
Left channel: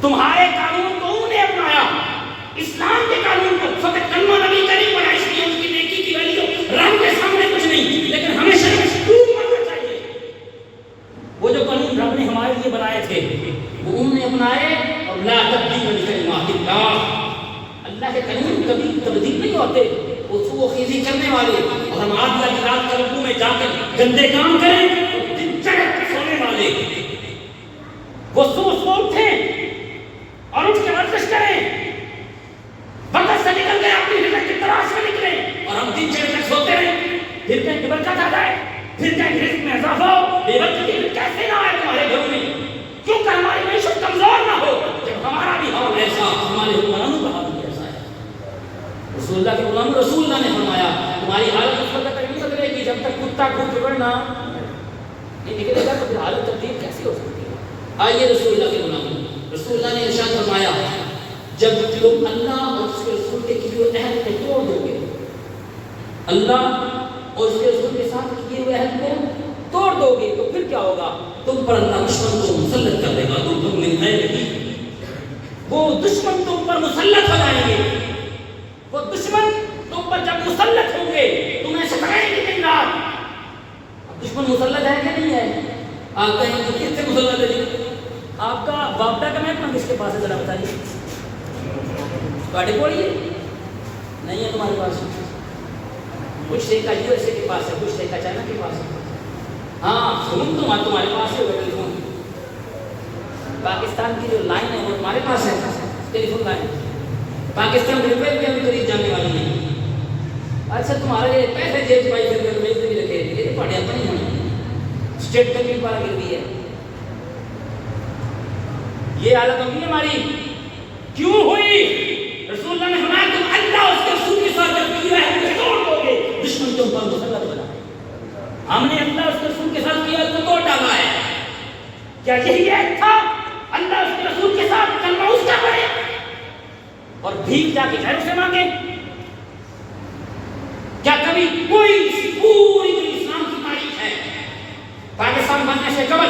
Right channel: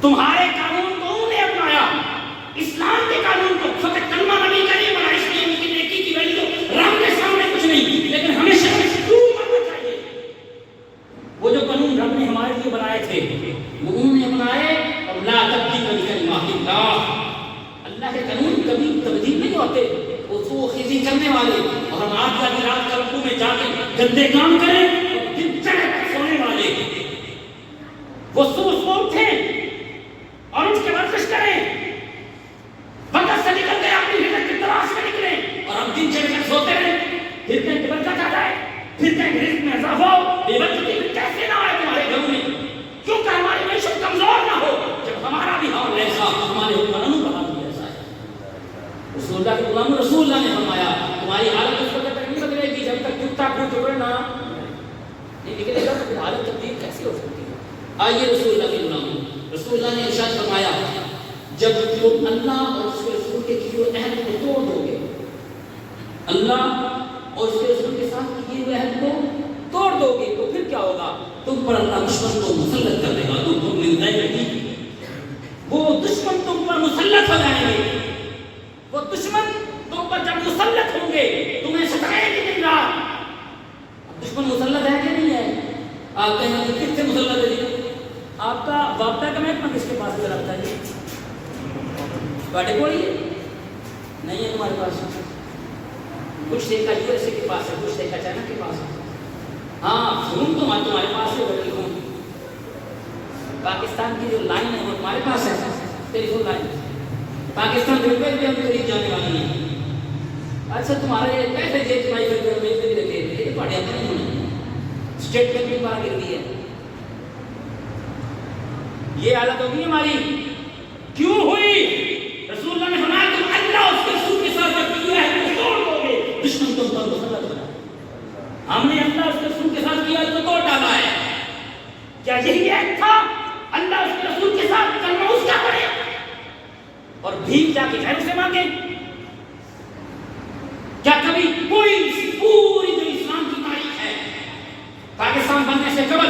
تمہارے قانون کو انہوں نے اپنایا، اسلام کے قانون کو، فقط کلمہ نبی کا نہیں پڑھا، اس لیے ان کی نیکی کی ویلیو رب کے سامنے کچھ نہیں، لیکن ہمیشہ ماننا چاہیے۔ وہ جو قانون رب نے ہمارے لیے بنائے تھے وہ انہوں نے اپنائے، اور لا تبدیل لکلمات اللہ، اللہ کے قانون کبھی تبدیل نہیں ہوتے، وہ خیزی کرنے والے، اور ہم آدھی رات کا رکوع میں جا کے گندے کام کریں اور دن چڑھ سونے والے، وہ صبح اٹھیں اور اٹھ کے ورزش کریں، بدر سے نکل گئے اپنی ہجرت کی تلاش میں نکلے، اور ہم دن چڑھ پھر کہیں کہ برکت آ جائے، پھر کہیں کہ رزق میں اضافہ ہو، بے برکتی پھر کیسے نہ آئے تمہارے گھروں میں؟ کیوں کہ ہماری معیشت کمزور نہ ہو؟ جب ہمارا بھی حال ایسا، ہمارے حکمرانوں کا حال بھی ایسا ہے۔ رسول اللہ کے غلام رسول اللہ نے فرمایا تمہاری حالت اس وقت تک نہیں بدلے گی جب تک کتا کو چکڑنا نہیں نکلے گا، تو پھر حالت تبدیل کیسے ہو سکتی ہے؟ آئیے رسول اللہ کے غلام، رسول اللہ نے ارشاد فرمایا جب تم اللہ اور اس کے رسول کے کیے ہوئے عہد کو توڑ دو گے، اللہ اور اس کے رسول کے ساتھ کیے ہوئے عہد کو توڑ دو گے، تو پھر کیا ہوگا؟ تم پر اللہ دشمن کو مسلط کر دے گا، تم ملتا ہے نہیں، وہ دشمن تم پر مسلط ہو جائیں گے۔ وہ دشمن تم پر جب مسلط ہوں گے تمہیں ستائیں گے دن رات۔ اب دشمن مسلط ہے کہ نہیں ہے؟ آپ کہیں گے کس سے مسلط ہے جی؟ آپ کا وابطہ کا محکمہ کس کے پاس ہے ذرا بتائیے؟ باٹے کوڑی نہیں ہے تمہارے پاس؟ کچھ ٹھیکہ یو ایس اے کے پاس ہے، کچھ ٹھیکہ چائنا کے پاس ہے۔ ہاں فون تمہارے پاس ہے، ٹیلی فون پاکستان کی جو لائن ہے وہ تمہارے پاس ہے، ٹیلی فون لائن پاکستان روپے بھی ابھی قریب جانے والی ہے۔ اچھا تمہارا یہ پیسے جیب پائی پھر بھی رکھے، یہ پاڑے اپنے ہونے، اسٹیٹ بینک بھی بڑا گروی ہے۔ یہ حالت ہوگی ہماری، کیوں ہوئی؟ رسول اللہ نے فرمایا تم اللہ اس کے رسول کے ساتھ جب کیا ہے تو توڑ دو گے، دشمن تم پر مسلط بنا۔ ہم نے اللہ اس کے رسول کے ساتھ کیا ہے تو توڑ ڈالا ہے۔ کیا یہی ایک تھا؟ اللہ اس کے رسول کے ساتھ کلمہ اس کا پڑھے اور بھیک جا کے غیروں سے مانگے؟ کیا کبھی کوئی پوری جو اسلام کی تاریخ ہے، پاکستان بننے سے قبل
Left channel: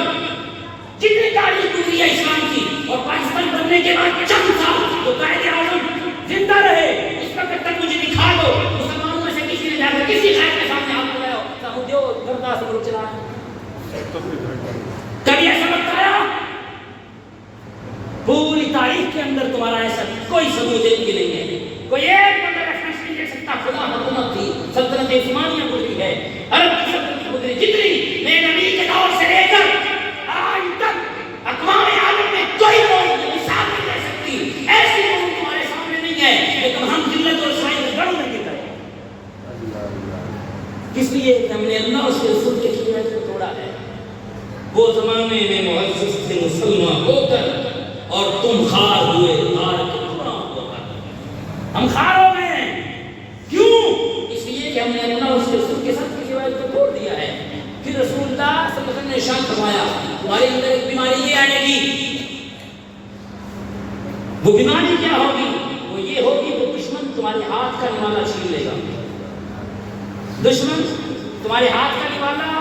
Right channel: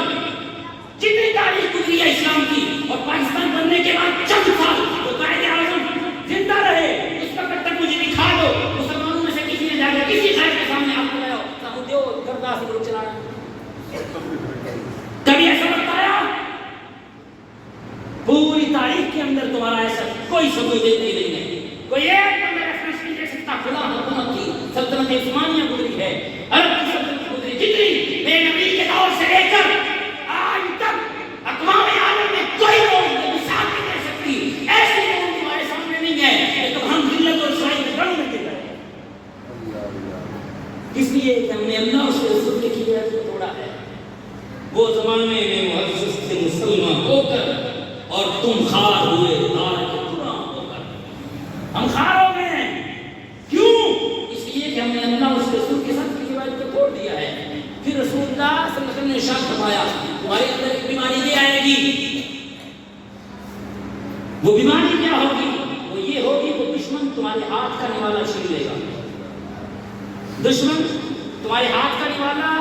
جتنی تاریخ گزری ہے اسلام کی، اور پاکستان بننے کے بعد چند سال تو قائد اعظم زندہ رہے، اس وقت تک مجھے دکھا دو مسلمانوں میں سے کسی نے جا کر کسی شہر کے سامنے آپ بتایا سامودیو گردہ سے ملک چلانا؟ کبھی ایسا وقت آیا؟ پوری تاریخ کے اندر تمہارا ایسا کوئی ثبوت نہیں ہے، کوئی ایک بندہ ریفرنس نہیں دے سکتا۔ خدا حکومت تھی، سلطنت عثمانیہ گزری ہے، عرب کی سلطنت گزری، جتنی میرے نبی کے دور سے لے کر آج تک اقوام عالم میں کوئی لوگ مثال نہیں دے سکتی، ایسی قوم تمہارے سامنے نہیں ہے، لیکن ہم ذلت اور رسوائی میں گڑوں میں گر رہے ہیں۔ اس لیے کہ ہم نے اللہ اس کے رسول کے کیے کو توڑا ہے۔ وہ زمانے میں معزز سے مسلمان ہو کر اور تم خار ہوئے، خار کے قرآن ہو کر ہم خار ہو گئے ہیں۔ کیوں؟ اس لیے کہ ہم نے اللہ اس کے رسول کے ساتھ کی روایت کو توڑ دیا ہے۔ پھر رسول اللہ صلی اللہ علیہ وسلم نے ارشاد فرمایا تمہارے اندر ایک بیماری یہ آئے گی، وہ بیماری کیا ہوگی؟ وہ یہ ہوگی کہ دشمن تمہارے ہاتھ کا نوالا چھین لے گا، دشمن تمہارے ہاتھ کا نوالا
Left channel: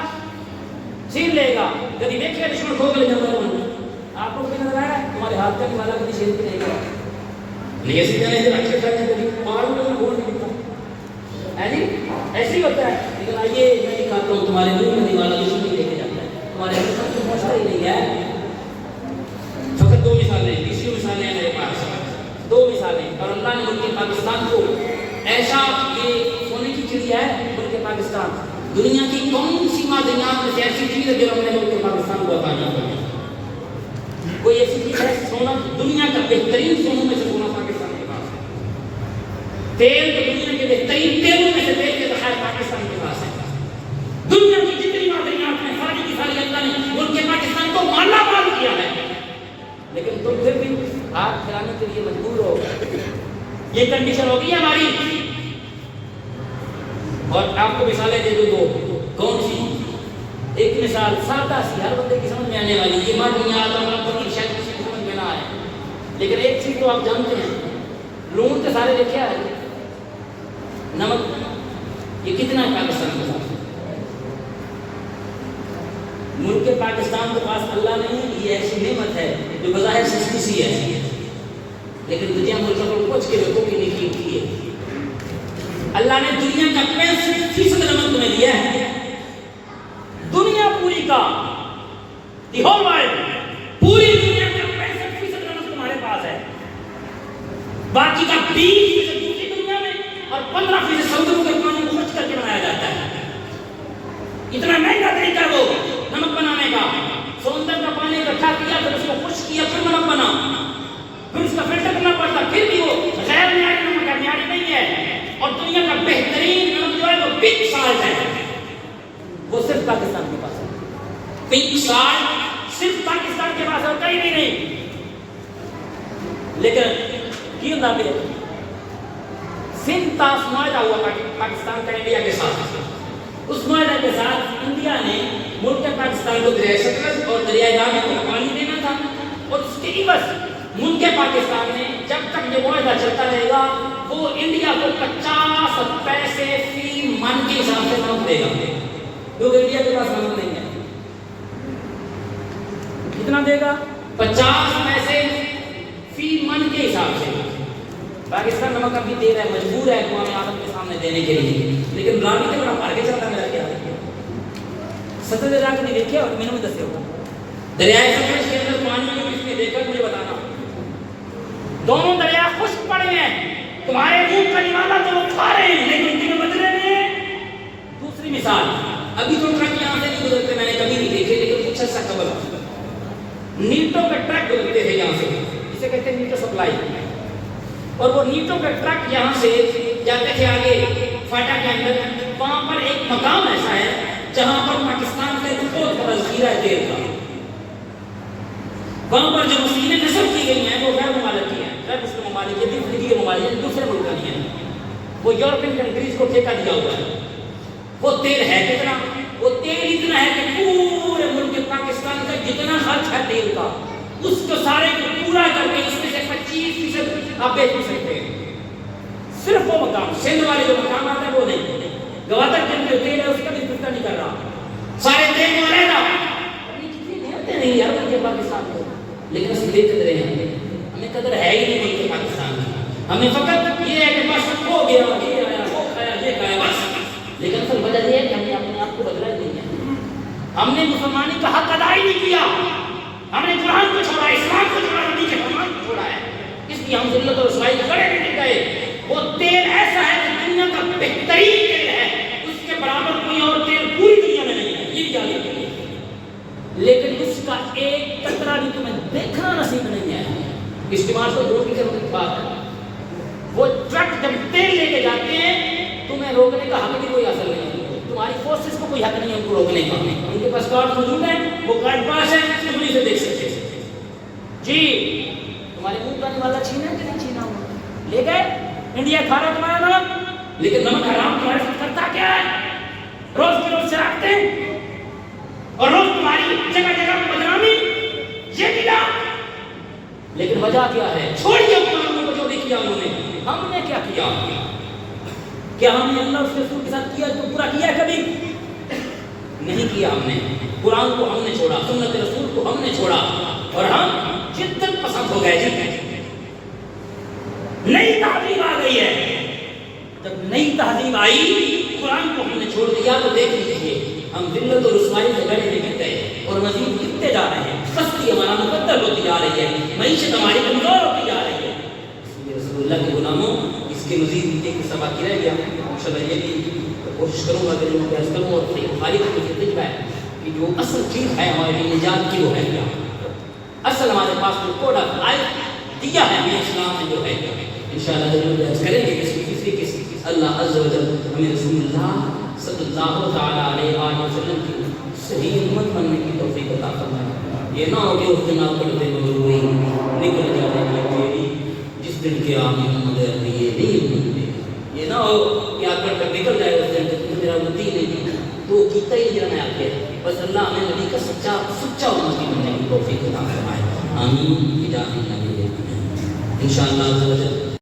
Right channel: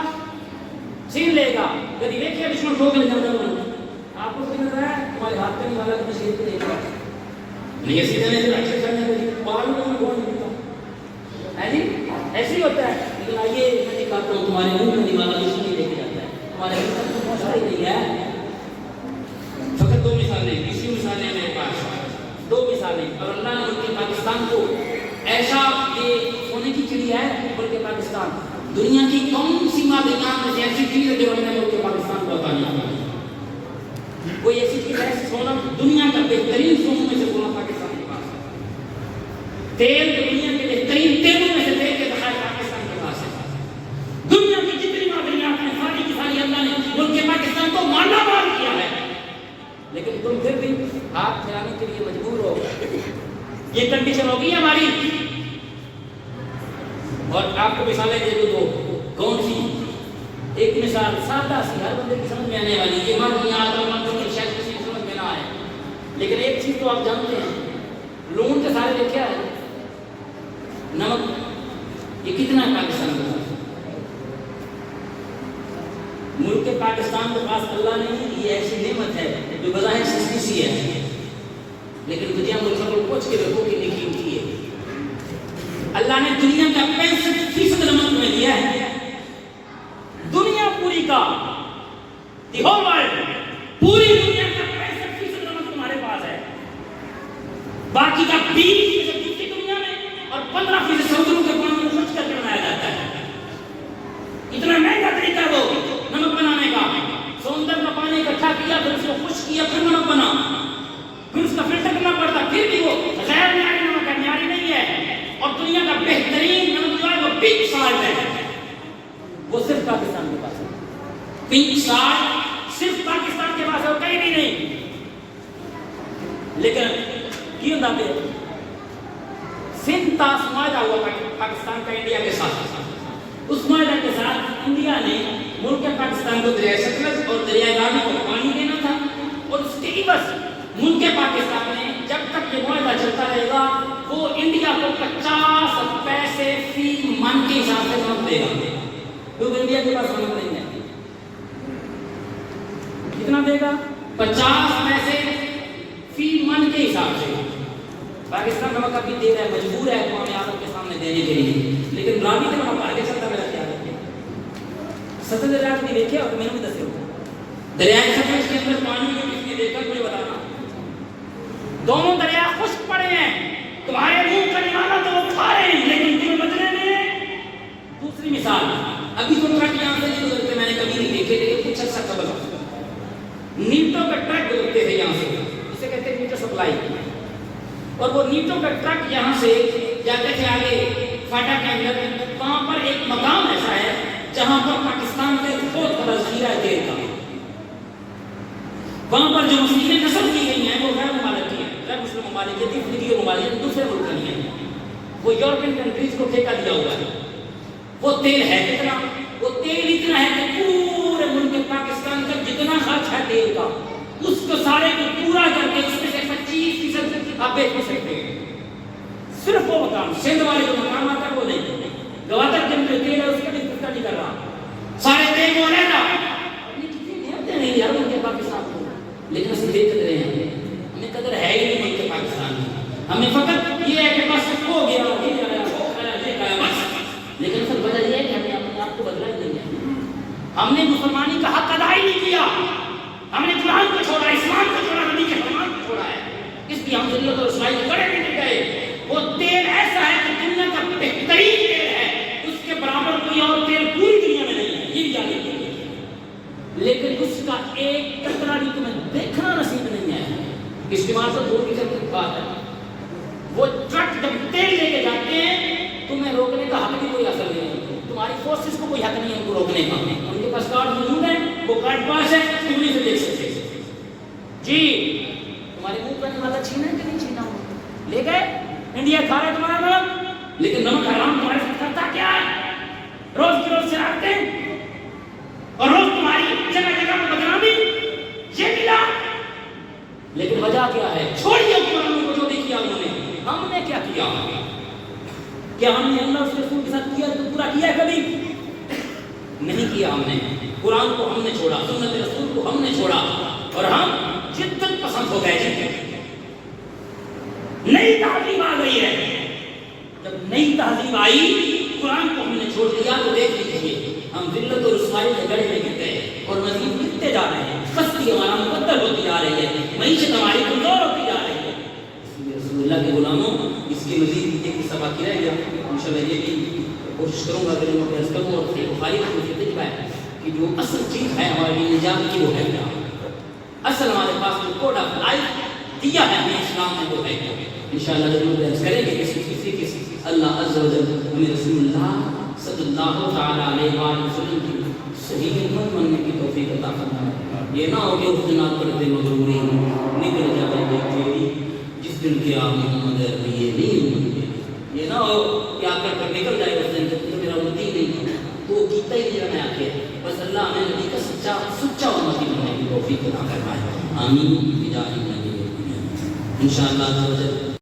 چھین لے گا۔ کبھی دیکھیے دشمن کھو کے لے جاتا ہے، آپ کو بھی نظر آیا تمہارے ہاتھ کا نوالا کبھی چھین کے لے گا نہیں؟ ایسی جانے سے اچھے کرنے کبھی پہاڑوں میں بھی گھوڑ نہیں دیتا ہے جی، ایسے ہی ہوتا ہے۔ لیکن آئیے میں دکھاتا ہوں تمہارے منہ میں نوالا دشمن نہیں لے کے جاتا ہے، تمہارے ہاتھ تک تو پہنچتا ہی نہیں ہے۔ فقط دو مثالیں، تیسری مثالیں ہیں میرے پاس، دو مثالیں، اور اللہ نے ملک پاکستان کو ایسا، یہ سونے کی چڑیا ہے ملک پاکستان، دنیا کی کون سی معدنیات میں سے ایسی چیز ہے جو ہم نے ملک پاکستان کو عطا نہیں کی؟ کوئی ایسی چیز ہے؟ سونا دنیا کا بہترین سونوں میں سے سونا پاکستان کے پاس ہے۔ تیل تو دنیا کے بہترین تیلوں میں سے تیل کے ذخائر پاکستان کے پاس ہے۔ دنیا کی جتنی معدنیات ہیں ساری کی ساری اللہ نے ملک پاکستان کو مالا مال کیا ہے، لیکن تم پھر بھی ہاتھ پھیلانے کے لیے مجبور ہو۔ یہ کنڈیشن ہوگی ہماری۔ اور آپ کو مثالیں دے دو، کون سی؟ ایک مثال سادہ سی، ہر بندے کی سمجھ میں آنے والی، یہ معدنیات اور نمبر کی شاید کسی کی سمجھ میں نہ آئے، لیکن ایک چیز تو آپ جانتے ہیں، لون کے سارے دیکھا ہے، نمک یہ کتنا ہے پاکستان کے پاس؟ ملک پاکستان کے پاس اللہ نے یہ ایسی نعمت ہے جو بظاہر سستی سی ہے، لیکن دنیا ملک کو پوچھ کے رکھو کہ نہیں کی ہے۔ اللہ نے دنیا کا 65% نمک تمہیں دیا ہے، دنیا پوری کا، دی ہول ورلڈ، پوری دنیا کا 65% نمک تمہارے پاس ہے، باقی کا 20% دوسری دنیا میں اور 15% سمندروں کے پانی کو خرچ کر کے بنایا جاتا ہے۔ اتنا مہنگا طریقہ وہ نمک بنانے کا، سمندر کا پانی اکٹھا کیا، پھر اس کو خشک کیا، پھر نمک بنا، پھر اس کا فلٹر کرنا پڑتا، پھر بھی وہ غیر معیاری نمک ہے، معیاری نہیں ہے۔ اور دنیا کا بہترین نمک جو ہے وہ بگ سالٹ ہے، وہ صرف پاکستان کے پاس ہے. پنک سارٹ صرف پاکستان کے پاس ہے اور کہیں بھی نہیں. لیکن کی ہوتا پہ سندھ تاس معاہدہ ہوا پاکستان کا انڈیا کے ساتھ. اس معاہدہ کے ساتھ انڈیا نے ملک پاکستان کو دریائے ستلج اور دریائے راوی کو پانی دینا تھا اور اس کے عوض ملک پاکستان نے جب تک یہ معاہدہ چلتا رہے گا وہ انڈیا کو 50 پیسے فی من کے حساب سے نمک دے گا کیونکہ انڈیا کے پاس نمک نہیں ہے. کتنا دے گا؟ 50 پیسے فی من کے حساب سے. پاکستان نمک ابھی دے رہا ہے, مجبور ہے اقوام عالم کے سامنے دینے کے لیے, لیکن راوی سے بڑا مار کے چلتا میرا خیال ہے. ستلج دریا کو نہیں دیکھے اور میں نے دستے ہوتا دریائے ستلج کے اندر پانی کو کس نے دیکھا مجھے بتانا. دونوں دریا خشک پڑے ہیں, تمہارے منہ کا نوالا تو وہ کھا رہے ہیں لیکن تمہیں بدلے نہیں ہیں. دوسری مثال, ابھی تو ٹرک یہاں سے نہیں گزرتے, میں نے کبھی نہیں دیکھے, لیکن کچھ عرصہ قبل نیٹوں کے ٹرک گزرتے تھے یہاں سے, اسے کہتے ہیں نیٹو سپلائی. اور وہ نیٹوں کا ٹرک یہاں سے جاتے تھے آگے فاٹا کے اندر. وہاں پر ایک مقام ایسا ہے جہاں پر پاکستان کا بہت بڑا ذخیرہ ہے تیل کا. وہاں پر جو مشینیں نصب کی گئی ہیں وہ غیر ممالک کی ہیں, غیر مسلم ممالک کی, افریقی کے ممالک ہیں, دوسرے ملک نہیں ہیں. وہ یورپین کنٹریز کو ٹھیکہ دیا ہوا ہے. وہ تیل ہے کتنا؟ وہ تیل اتنا ہے کہ پورے ملک پاکستان کا جتنا خرچ ہے تیل کا اس کو سارے کو پورا کر کے اس میں سے 25% آپ بیچ بھی سکتے ہیں. صرف وہ مقام سندھ والے جو مقام آتا ہے وہ نہیں. گوادر کے اندر تیل ہے اس کا بھی فکر نہیں کر رہا, سارے تیل کو علیحدہ. کتنی نعمتیں نہیں یار ملک پاکستان کو, لیکن اسی بے قدرے ہیں. ہمیں قدر ہے ہی نہیں ملک پاکستان کی. ہمیں فقط یہ ہے کہ بس ہو گیا, یہ آیا, وہ کھایا, یہ کھایا بس. لیکن اصل وجہ یہ ہے کہ ہم نے اپنے آپ کو بدلا ہی نہیں ہے. ہم نے مسلمانی کا حق ادا ہی نہیں کیا. ہم نے قرآن کو چھوڑا, اسلام کو چھوڑا, نبی کے فرمان کو چھوڑا ہے. اس لیے ہم ذلت اور رسوائی کو گڑے بھی نہیں گئے. وہ تیل ایسا ہے کہ دنیا کا بہترین تیل ہے, اس کے برابر کوئی اور تیل پوری دنیا میں نہیں ہے, یہ بھی جاننے کے لیے. لیکن اس کا ایک قطرہ بھی تمہیں دیکھنا نصیب نہیں ہے. استعمال تو دور کی چلتی بات ہے. وہ ٹرک جب تیل لے کے جاتے ہیں تمہیں روکنے کا حق بھی کوئی حاصل نہیں ہے. تمہاری فورسز کو کوئی حق نہیں ہے ان کو روکنے کا. ان کے پاس کارڈ موجود ہے, وہ کارڈ پاس ہے, انہیں سے دیکھ سکتے ہیں. جی تمہارے منہ کا نوالا چھینا ہے کہ نہیں چھینا ہوا, لے گئے. انڈیا کھا رہا ہے تمہارا نمک, لیکن نمک حرام تمہارے ساتھ کرتا کیا ہے؟ روز کی روز سے رکھتے ہیں اور روز تمہاری جگہ جگہ پہ بدنامی, یہ ملا. لیکن وجہ کیا ہے؟ چھوڑیے حکمرانوں کو جو بھی کیا انہوں نے. ہم نے کیا کیا؟ کیا ہم نے اللہ اس کے رسول کے ساتھ کیا تو پورا کیا کبھی؟ نہیں کیا. ہم نے قرآن کو ہم نے چھوڑا, سنت رسول کو ہم نے چھوڑا, اور ہم جدت پسند ہو گئے. نئی تہذیب آ گئی ہے. جب نئی تہذیب آئی قرآن کو ہم نے چھوڑ دیا تو دیکھ لیجیے ہم ذلت اور رسوائی کے گڑے میں گرتے ہیں اور مزید گرتے جا رہے ہیں. پستی ہمارا مقدر ہوتی جا رہی ہے, معیشت ہماری کمزور ہوتی جا رہی ہے. اس لیے رسول اللہ کے غلاموں اس کے مزید نیچے کی سبا کی رہ گیا. انشاءاللہ یہ بھی کوشش کروں گا کہ لوگوں کو عرض کروں, اور بخاری کا مجھے تجربہ ہے کہ جو اصل چیز ہے ہمارے لیے نجات کی وہ ہے کیا. اصل ہمارے پاس جو کوڈ آف لائف دیا ہے ہمیں اسلام نے وہ ہے کیا. انشاءاللہ ضرور عرض کریں گے کسی طریقے سے اللہ عز و جل ہمیں رسول اللہ صلی اللہ تعالی علیہ وآلہ وسلم کی صحیح امت بننے کی توفیق عطا فرمائے. یہ نہ ہو کہ اس دن آپ پڑھتے مغروری نکل جائے گی تیری جس دن کے آپ محمد عربی یہ نہیں امت. یہ نہ ہو کہ آپ پڑھ کر نکل جائے اس دن کہ تم میرا امتی نہیں تو کیتا ہی نہیں رہنا آپ کے. بس اللہ ہمیں نبی کا سچا امتی بننے کی توفیق عطا فرمائے. آمین بجاہ النبی. انشاءاللہ